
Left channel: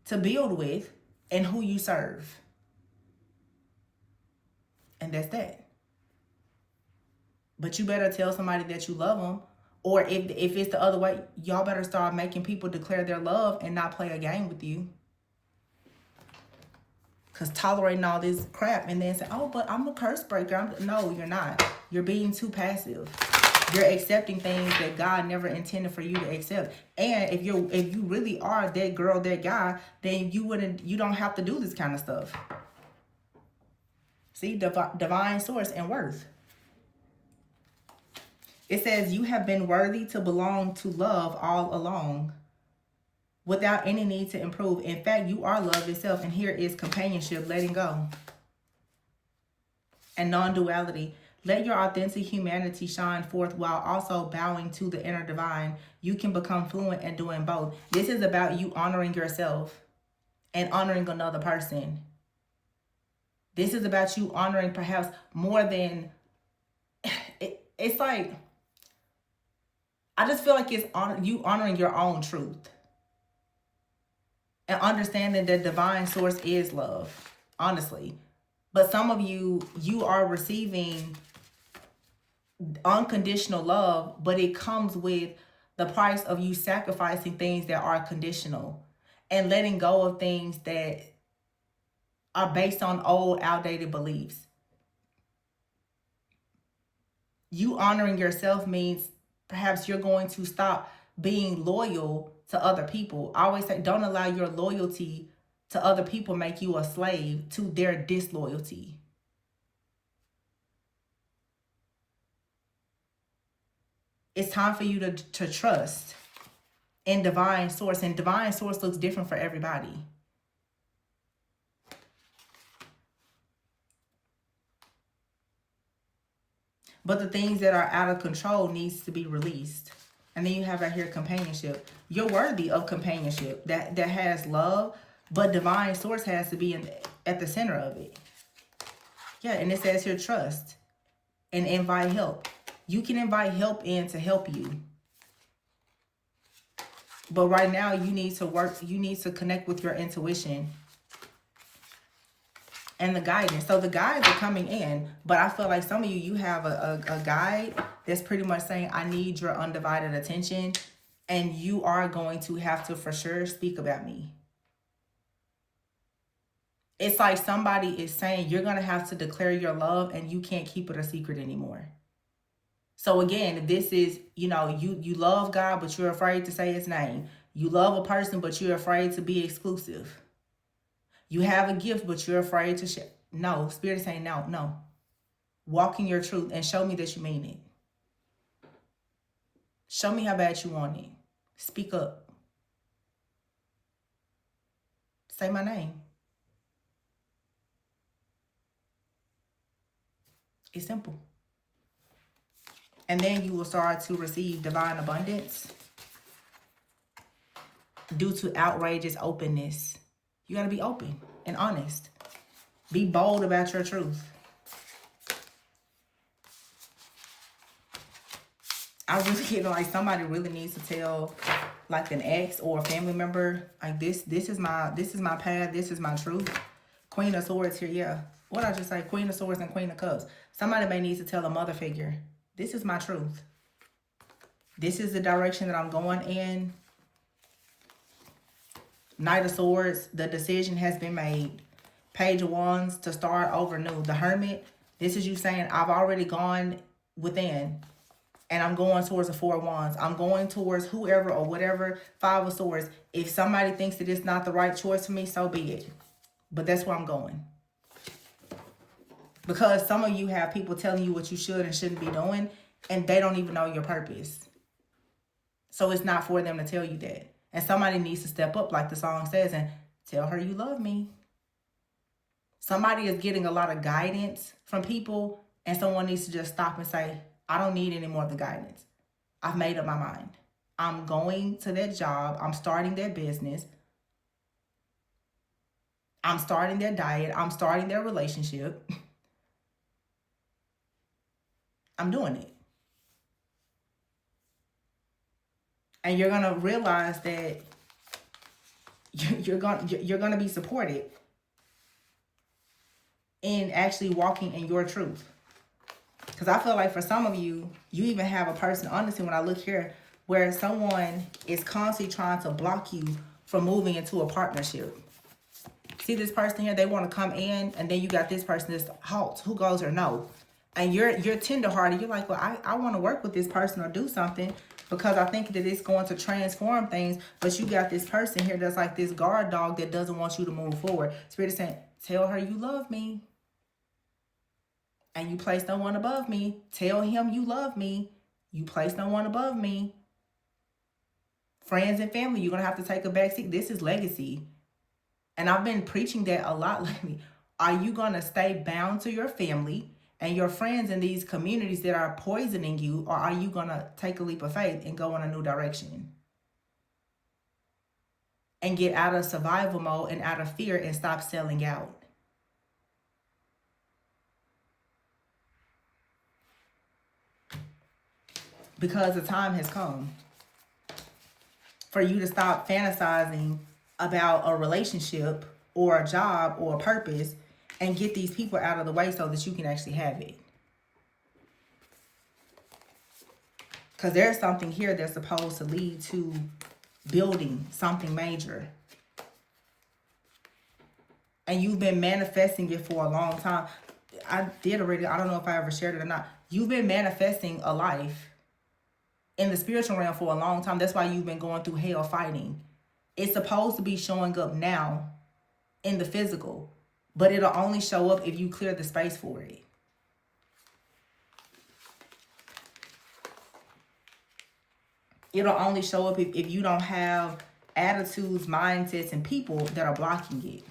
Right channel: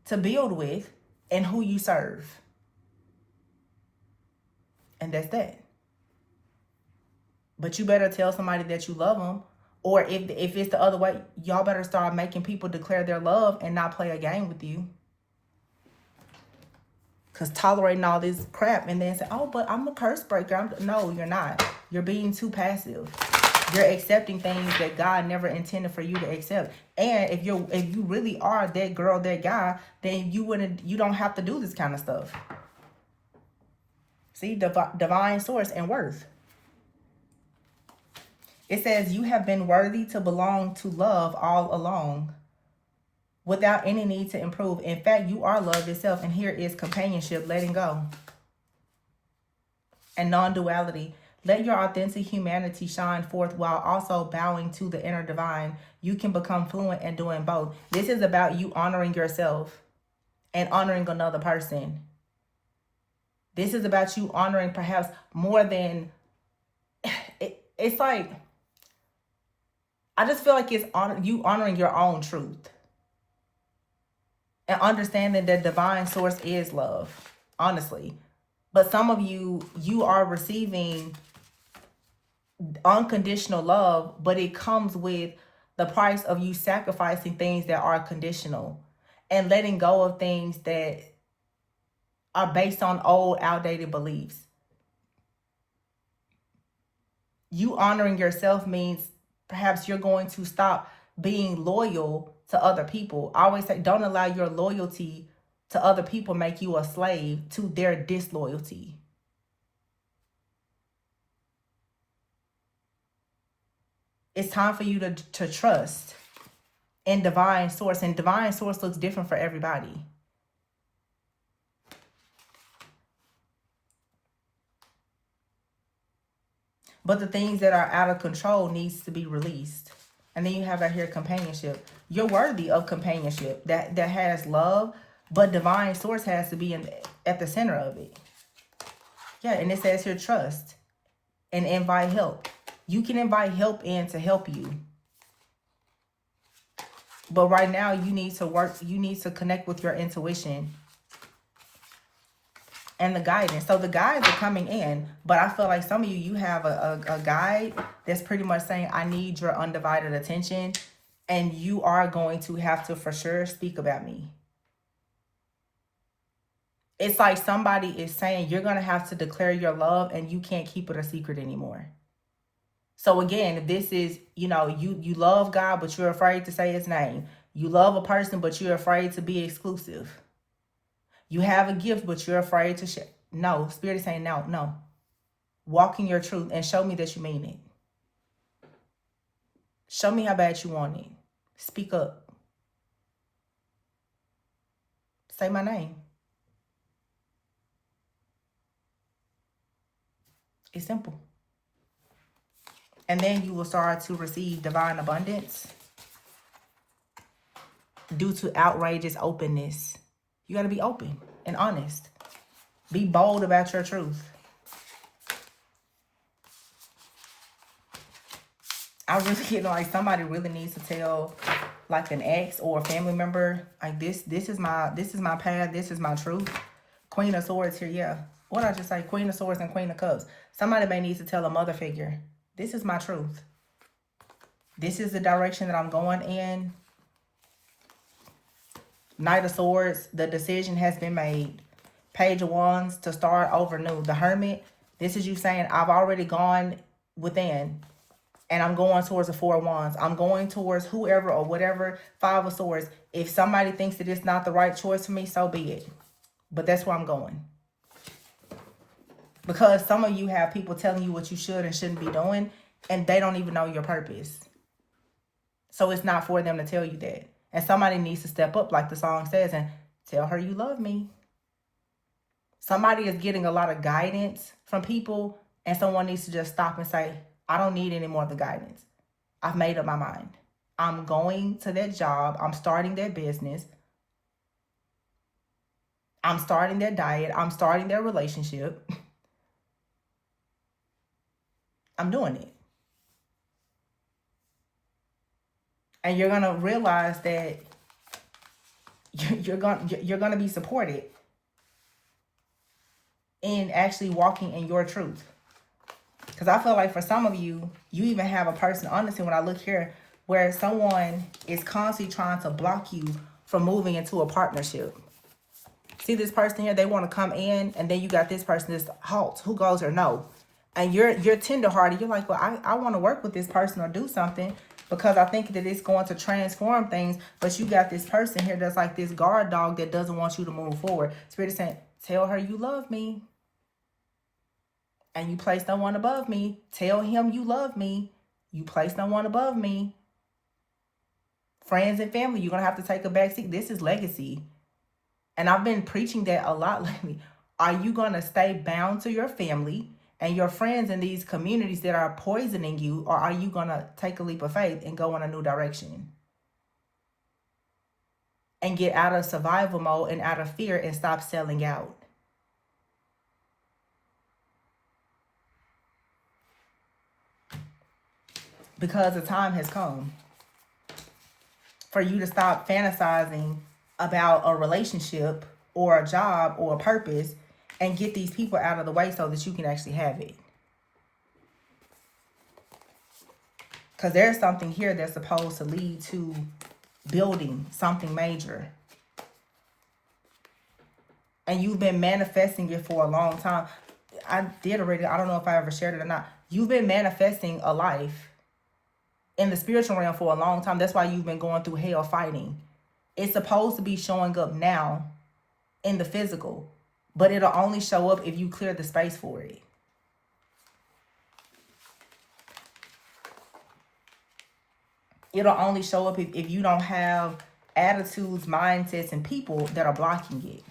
to build with, and who you serve. And that's that. But you better tell somebody that you love them. Or if it's the other way, y'all better start making people declare their love and not play a game with you. Because tolerating all this crap and then say, oh, but I'm a curse breaker. No, you're not. You're being too passive. You're accepting things that God never intended for you to accept. And if you really are that girl, that guy, then you don't have to do this kind of stuff. See, divine source and worth. It says you have been worthy to belong to love all along, without any need to improve. In fact, you are love itself. And here is companionship, letting go, and non-duality. Let your authentic humanity shine forth while also bowing to the inner divine. You can become fluent in doing both. This is about you honoring yourself and honoring another person. This is about you honoring perhaps more than... It's like... I just feel like it's you honoring your own truth. And understanding that divine source is love. Honestly. But some of you are receiving unconditional love, but it comes with the price of you sacrificing things that are conditional and letting go of things that are based on old, outdated beliefs. You honoring yourself means perhaps you're going to stop being loyal to other people. I always say, don't allow your loyalty to other people make you a slave to their disloyalty. It's time for you to trust in divine source. And divine source looks different for everybody. But the things that are out of control needs to be released. And then you have right here companionship. You're worthy of companionship that has love, but divine source has to be at the center of it. Yeah, and it says here trust and invite help. You can invite help in to help you. But right now you need to connect with your intuition and the guidance. So the guides are coming in, but I feel like some of you have a guide that's pretty much saying, I need your undivided attention, and you are going to have to for sure speak about me. It's like somebody is saying you're going to have to declare your love and you can't keep it a secret anymore. So again, this is, you love God, but you're afraid to say his name. You love a person, but you're afraid to be exclusive. You have a gift, but you're afraid to share. No, Spirit is saying no. Walk in your truth and show me that you mean it. Show me how bad you want it. Speak up. Say my name. It's simple. And then you will start to receive divine abundance due to outrageous openness. You got to be open and honest. Be bold about your truth. I really, like somebody really needs to tell like an ex or a family member, like this is my path, this is my truth. Queen of Swords here, yeah. What did I just say? Queen of Swords and Queen of Cups. Somebody may need to tell a mother figure, this is my truth. This is the direction that I'm going in. Knight of Swords, the decision has been made. Page of Wands, to start over new. The Hermit, this is you saying, I've already gone within. And I'm going towards the Four of Wands. I'm going towards whoever or whatever. Five of Swords. If somebody thinks that it's not the right choice for me, so be it. But that's where I'm going. Because some of you have people telling you what you should and shouldn't be doing, and they don't even know your purpose. So it's not for them to tell you that. And somebody needs to step up, like the song says, and tell her you love me. Somebody is getting a lot of guidance from people, and someone needs to just stop and say, I don't need any more of the guidance. I've made up my mind. I'm going to that job. I'm starting that business. I'm starting that diet. I'm starting that relationship. I'm doing it. And you're going to realize that you're going to be supported in actually walking in your truth. Because I feel like for some of you, you even have a person, honestly, when I look here, where someone is constantly trying to block you from moving into a partnership. See this person here, they want to come in, and then you got this person that's halt. Who goes or no? And you're tenderhearted. You're like, well, I want to work with this person or do something because I think that it's going to transform things. But you got this person here that's like this guard dog that doesn't want you to move forward. Spirit is saying, tell her you love me. And you place no one above me. Tell him you love me. You place no one above me. Friends and family, you're going to have to take a backseat. This is legacy. And I've been preaching that a lot lately. Are you going to stay bound to your family and your friends in these communities that are poisoning you? Or are you going to take a leap of faith and go in a new direction? And get out of survival mode and out of fear and stop selling out. Because the time has come for you to stop fantasizing about a relationship or a job or a purpose and get these people out of the way so that you can actually have it. Because there's something here that's supposed to lead to building something major. And you've been manifesting it for a long time. I did already, I don't know if I ever shared it or not. You've been manifesting a life in the spiritual realm for a long time. That's why you've been going through hell fighting. It's supposed to be showing up now in the physical, but it'll only show up if you clear the space for it. It'll only show up if you don't have attitudes, mindsets, and people that are blocking it.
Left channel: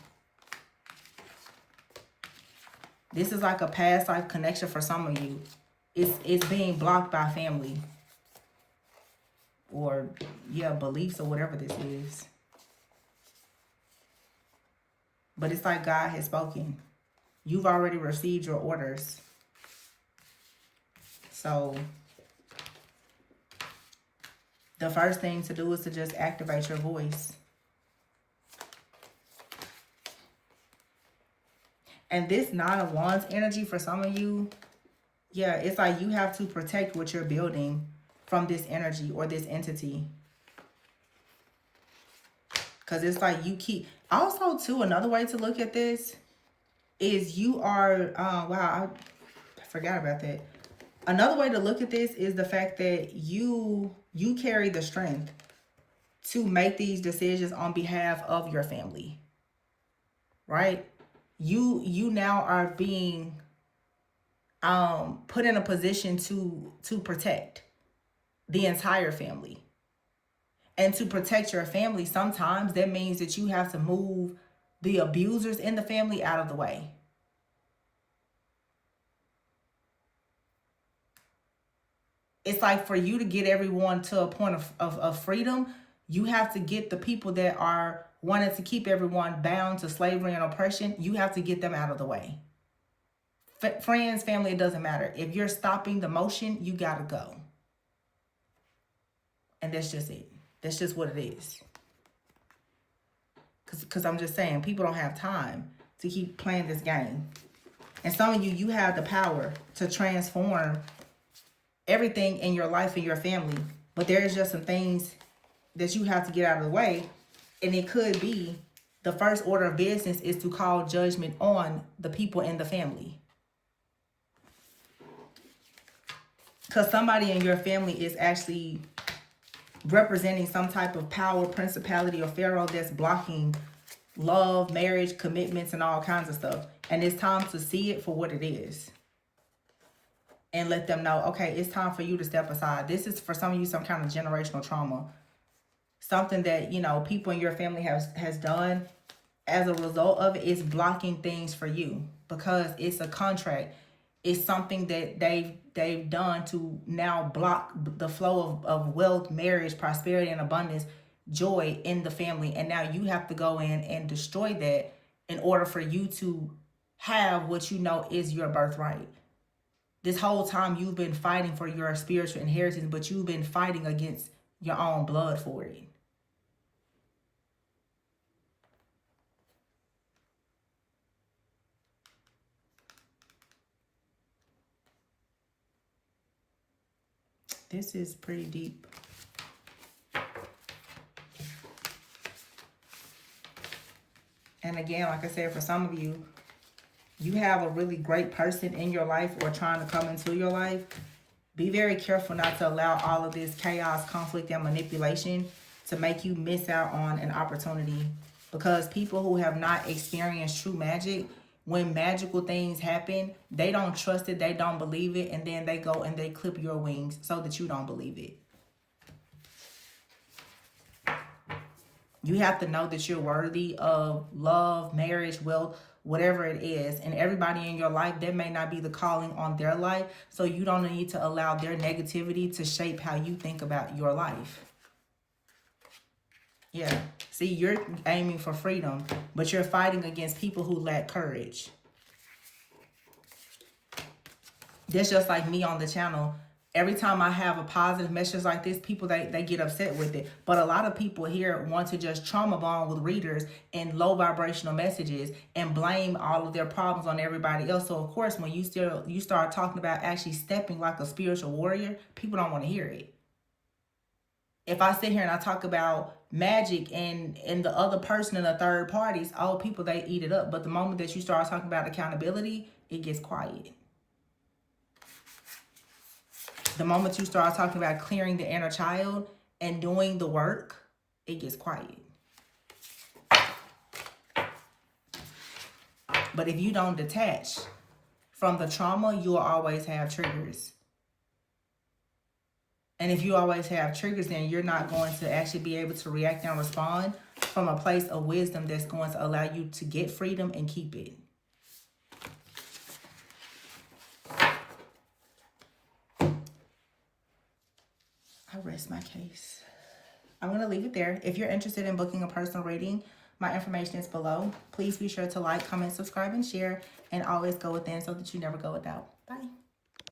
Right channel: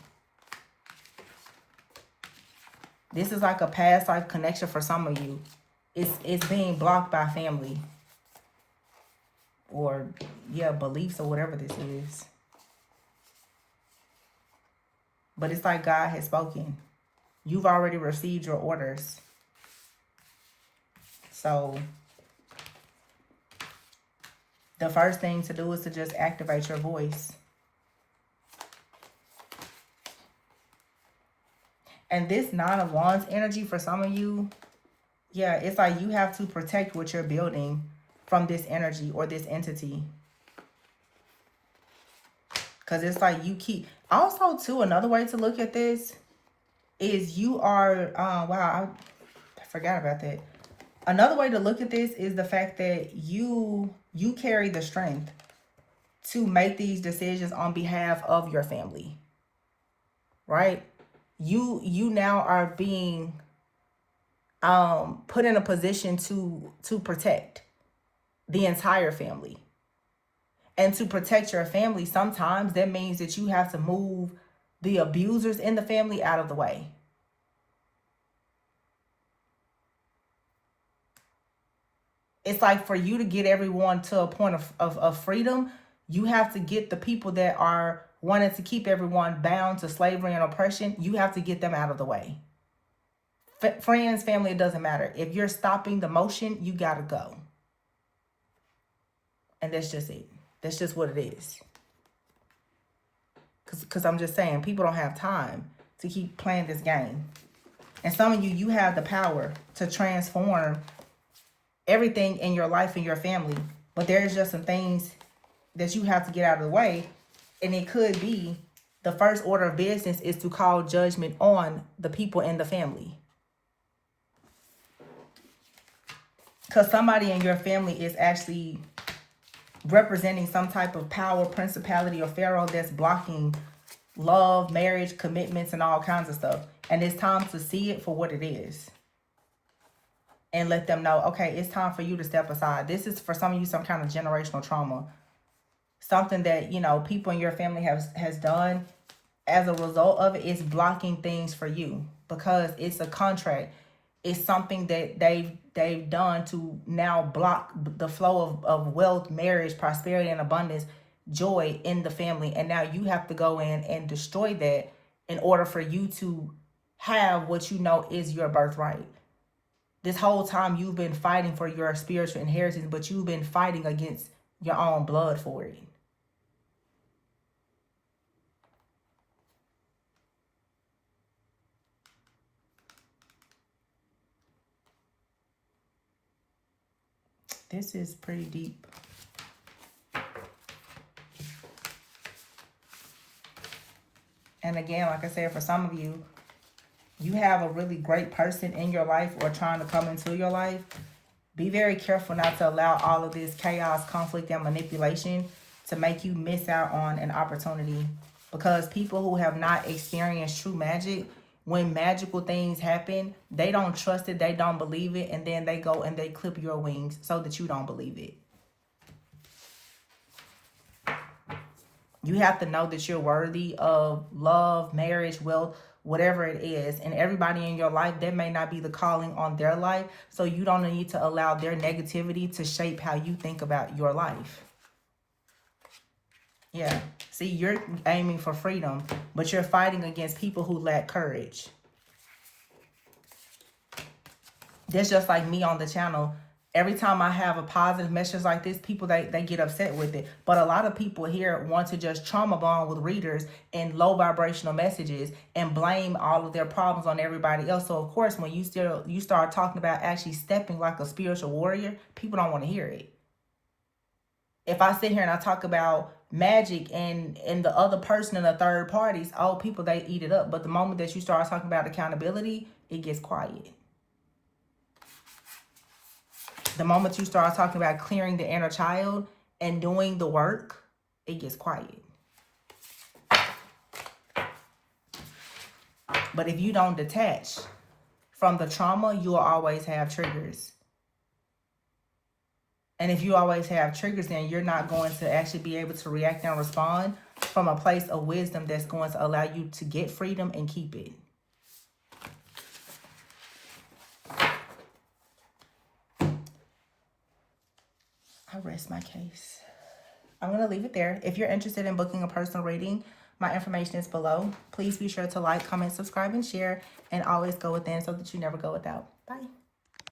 This is like a past life connection for some of you. It's being blocked by family. Or, yeah, beliefs or whatever this is. But it's like God has spoken. You've already received your orders. So, the first thing to do is to just activate your voice. And this 9 of Wands energy for some of you, yeah, it's like you have to protect what you're building from this energy or this entity. Because it's like you keep... Also, too, another way to look at this is you are... wow, I forgot about that. Another way to look at this is the fact that you carry the strength to make these decisions on behalf of your family. Right? You now are being put in a position to protect the entire family. And to protect your family, sometimes that means that you have to move the abusers in the family out of the way. It's like for you to get everyone to a point of freedom, you have to get the people that are wanting to keep everyone bound to slavery and oppression, you have to get them out of the way. Friends, family, it doesn't matter. If you're stopping the motion, you gotta go. And that's just it. That's just what it is. Because I'm just saying, people don't have time to keep playing this game. And some of you have the power to transform everything in your life and your family. But there's just some things that you have to get out of the way. And it could be the first order of business is to call judgment on the people in the family. Because somebody in your family is actually representing some type of power, principality, or pharaoh that's blocking love, marriage, commitments, and all kinds of stuff. And it's time to see it for what it is. And let them know, okay, it's time for you to step aside. This is for some of you some kind of generational trauma. Something that, you know, people in your family has done. As a result of it, it's blocking things for you. Because it's a contract. It's something that they've done to now block the flow of wealth, marriage, prosperity, and abundance, joy in the family. And now you have to go in and destroy that in order for you to have what you know is your birthright. This whole time you've been fighting for your spiritual inheritance, but you've been fighting against your own blood for it. This is pretty deep. And again, like I said, for some of you, You have a really great person in your life or trying to come into your life. Be very careful not to allow all of this chaos, conflict, and manipulation to make you miss out on an opportunity. Because people who have not experienced true magic, when magical things happen, they don't trust it, they don't believe it, and then they go and they clip your wings so that you don't believe it. You have to know that you're worthy of love, marriage, wealth, whatever it is. And everybody in your life, that may not be the calling on their life. So you don't need to allow their negativity to shape how you think about your life. Yeah. See, you're aiming for freedom, but you're fighting against people who lack courage. That's just like me on the channel. Every time I have a positive message like this, people, they get upset with it. But a lot of people here want to just trauma bond with readers and low vibrational messages and blame all of their problems on everybody else. So, of course, when you start talking about actually stepping like a spiritual warrior, people don't want to hear it. If I sit here and I talk about magic and the other person and the third parties, all people, they eat it up. But the moment that you start talking about accountability, it gets quiet. The moment you start talking about clearing the inner child and doing the work, it gets quiet. But if you don't detach from the trauma, you will always have triggers. And if you always have triggers, then you're not going to actually be able to react and respond from a place of wisdom that's going to allow you to get freedom and keep it. I rest my case. I'm going to leave it there. If you're interested in booking a personal reading, my information is below. Please be sure to like, comment, subscribe, and share. And always go within so that you never go without. Bye.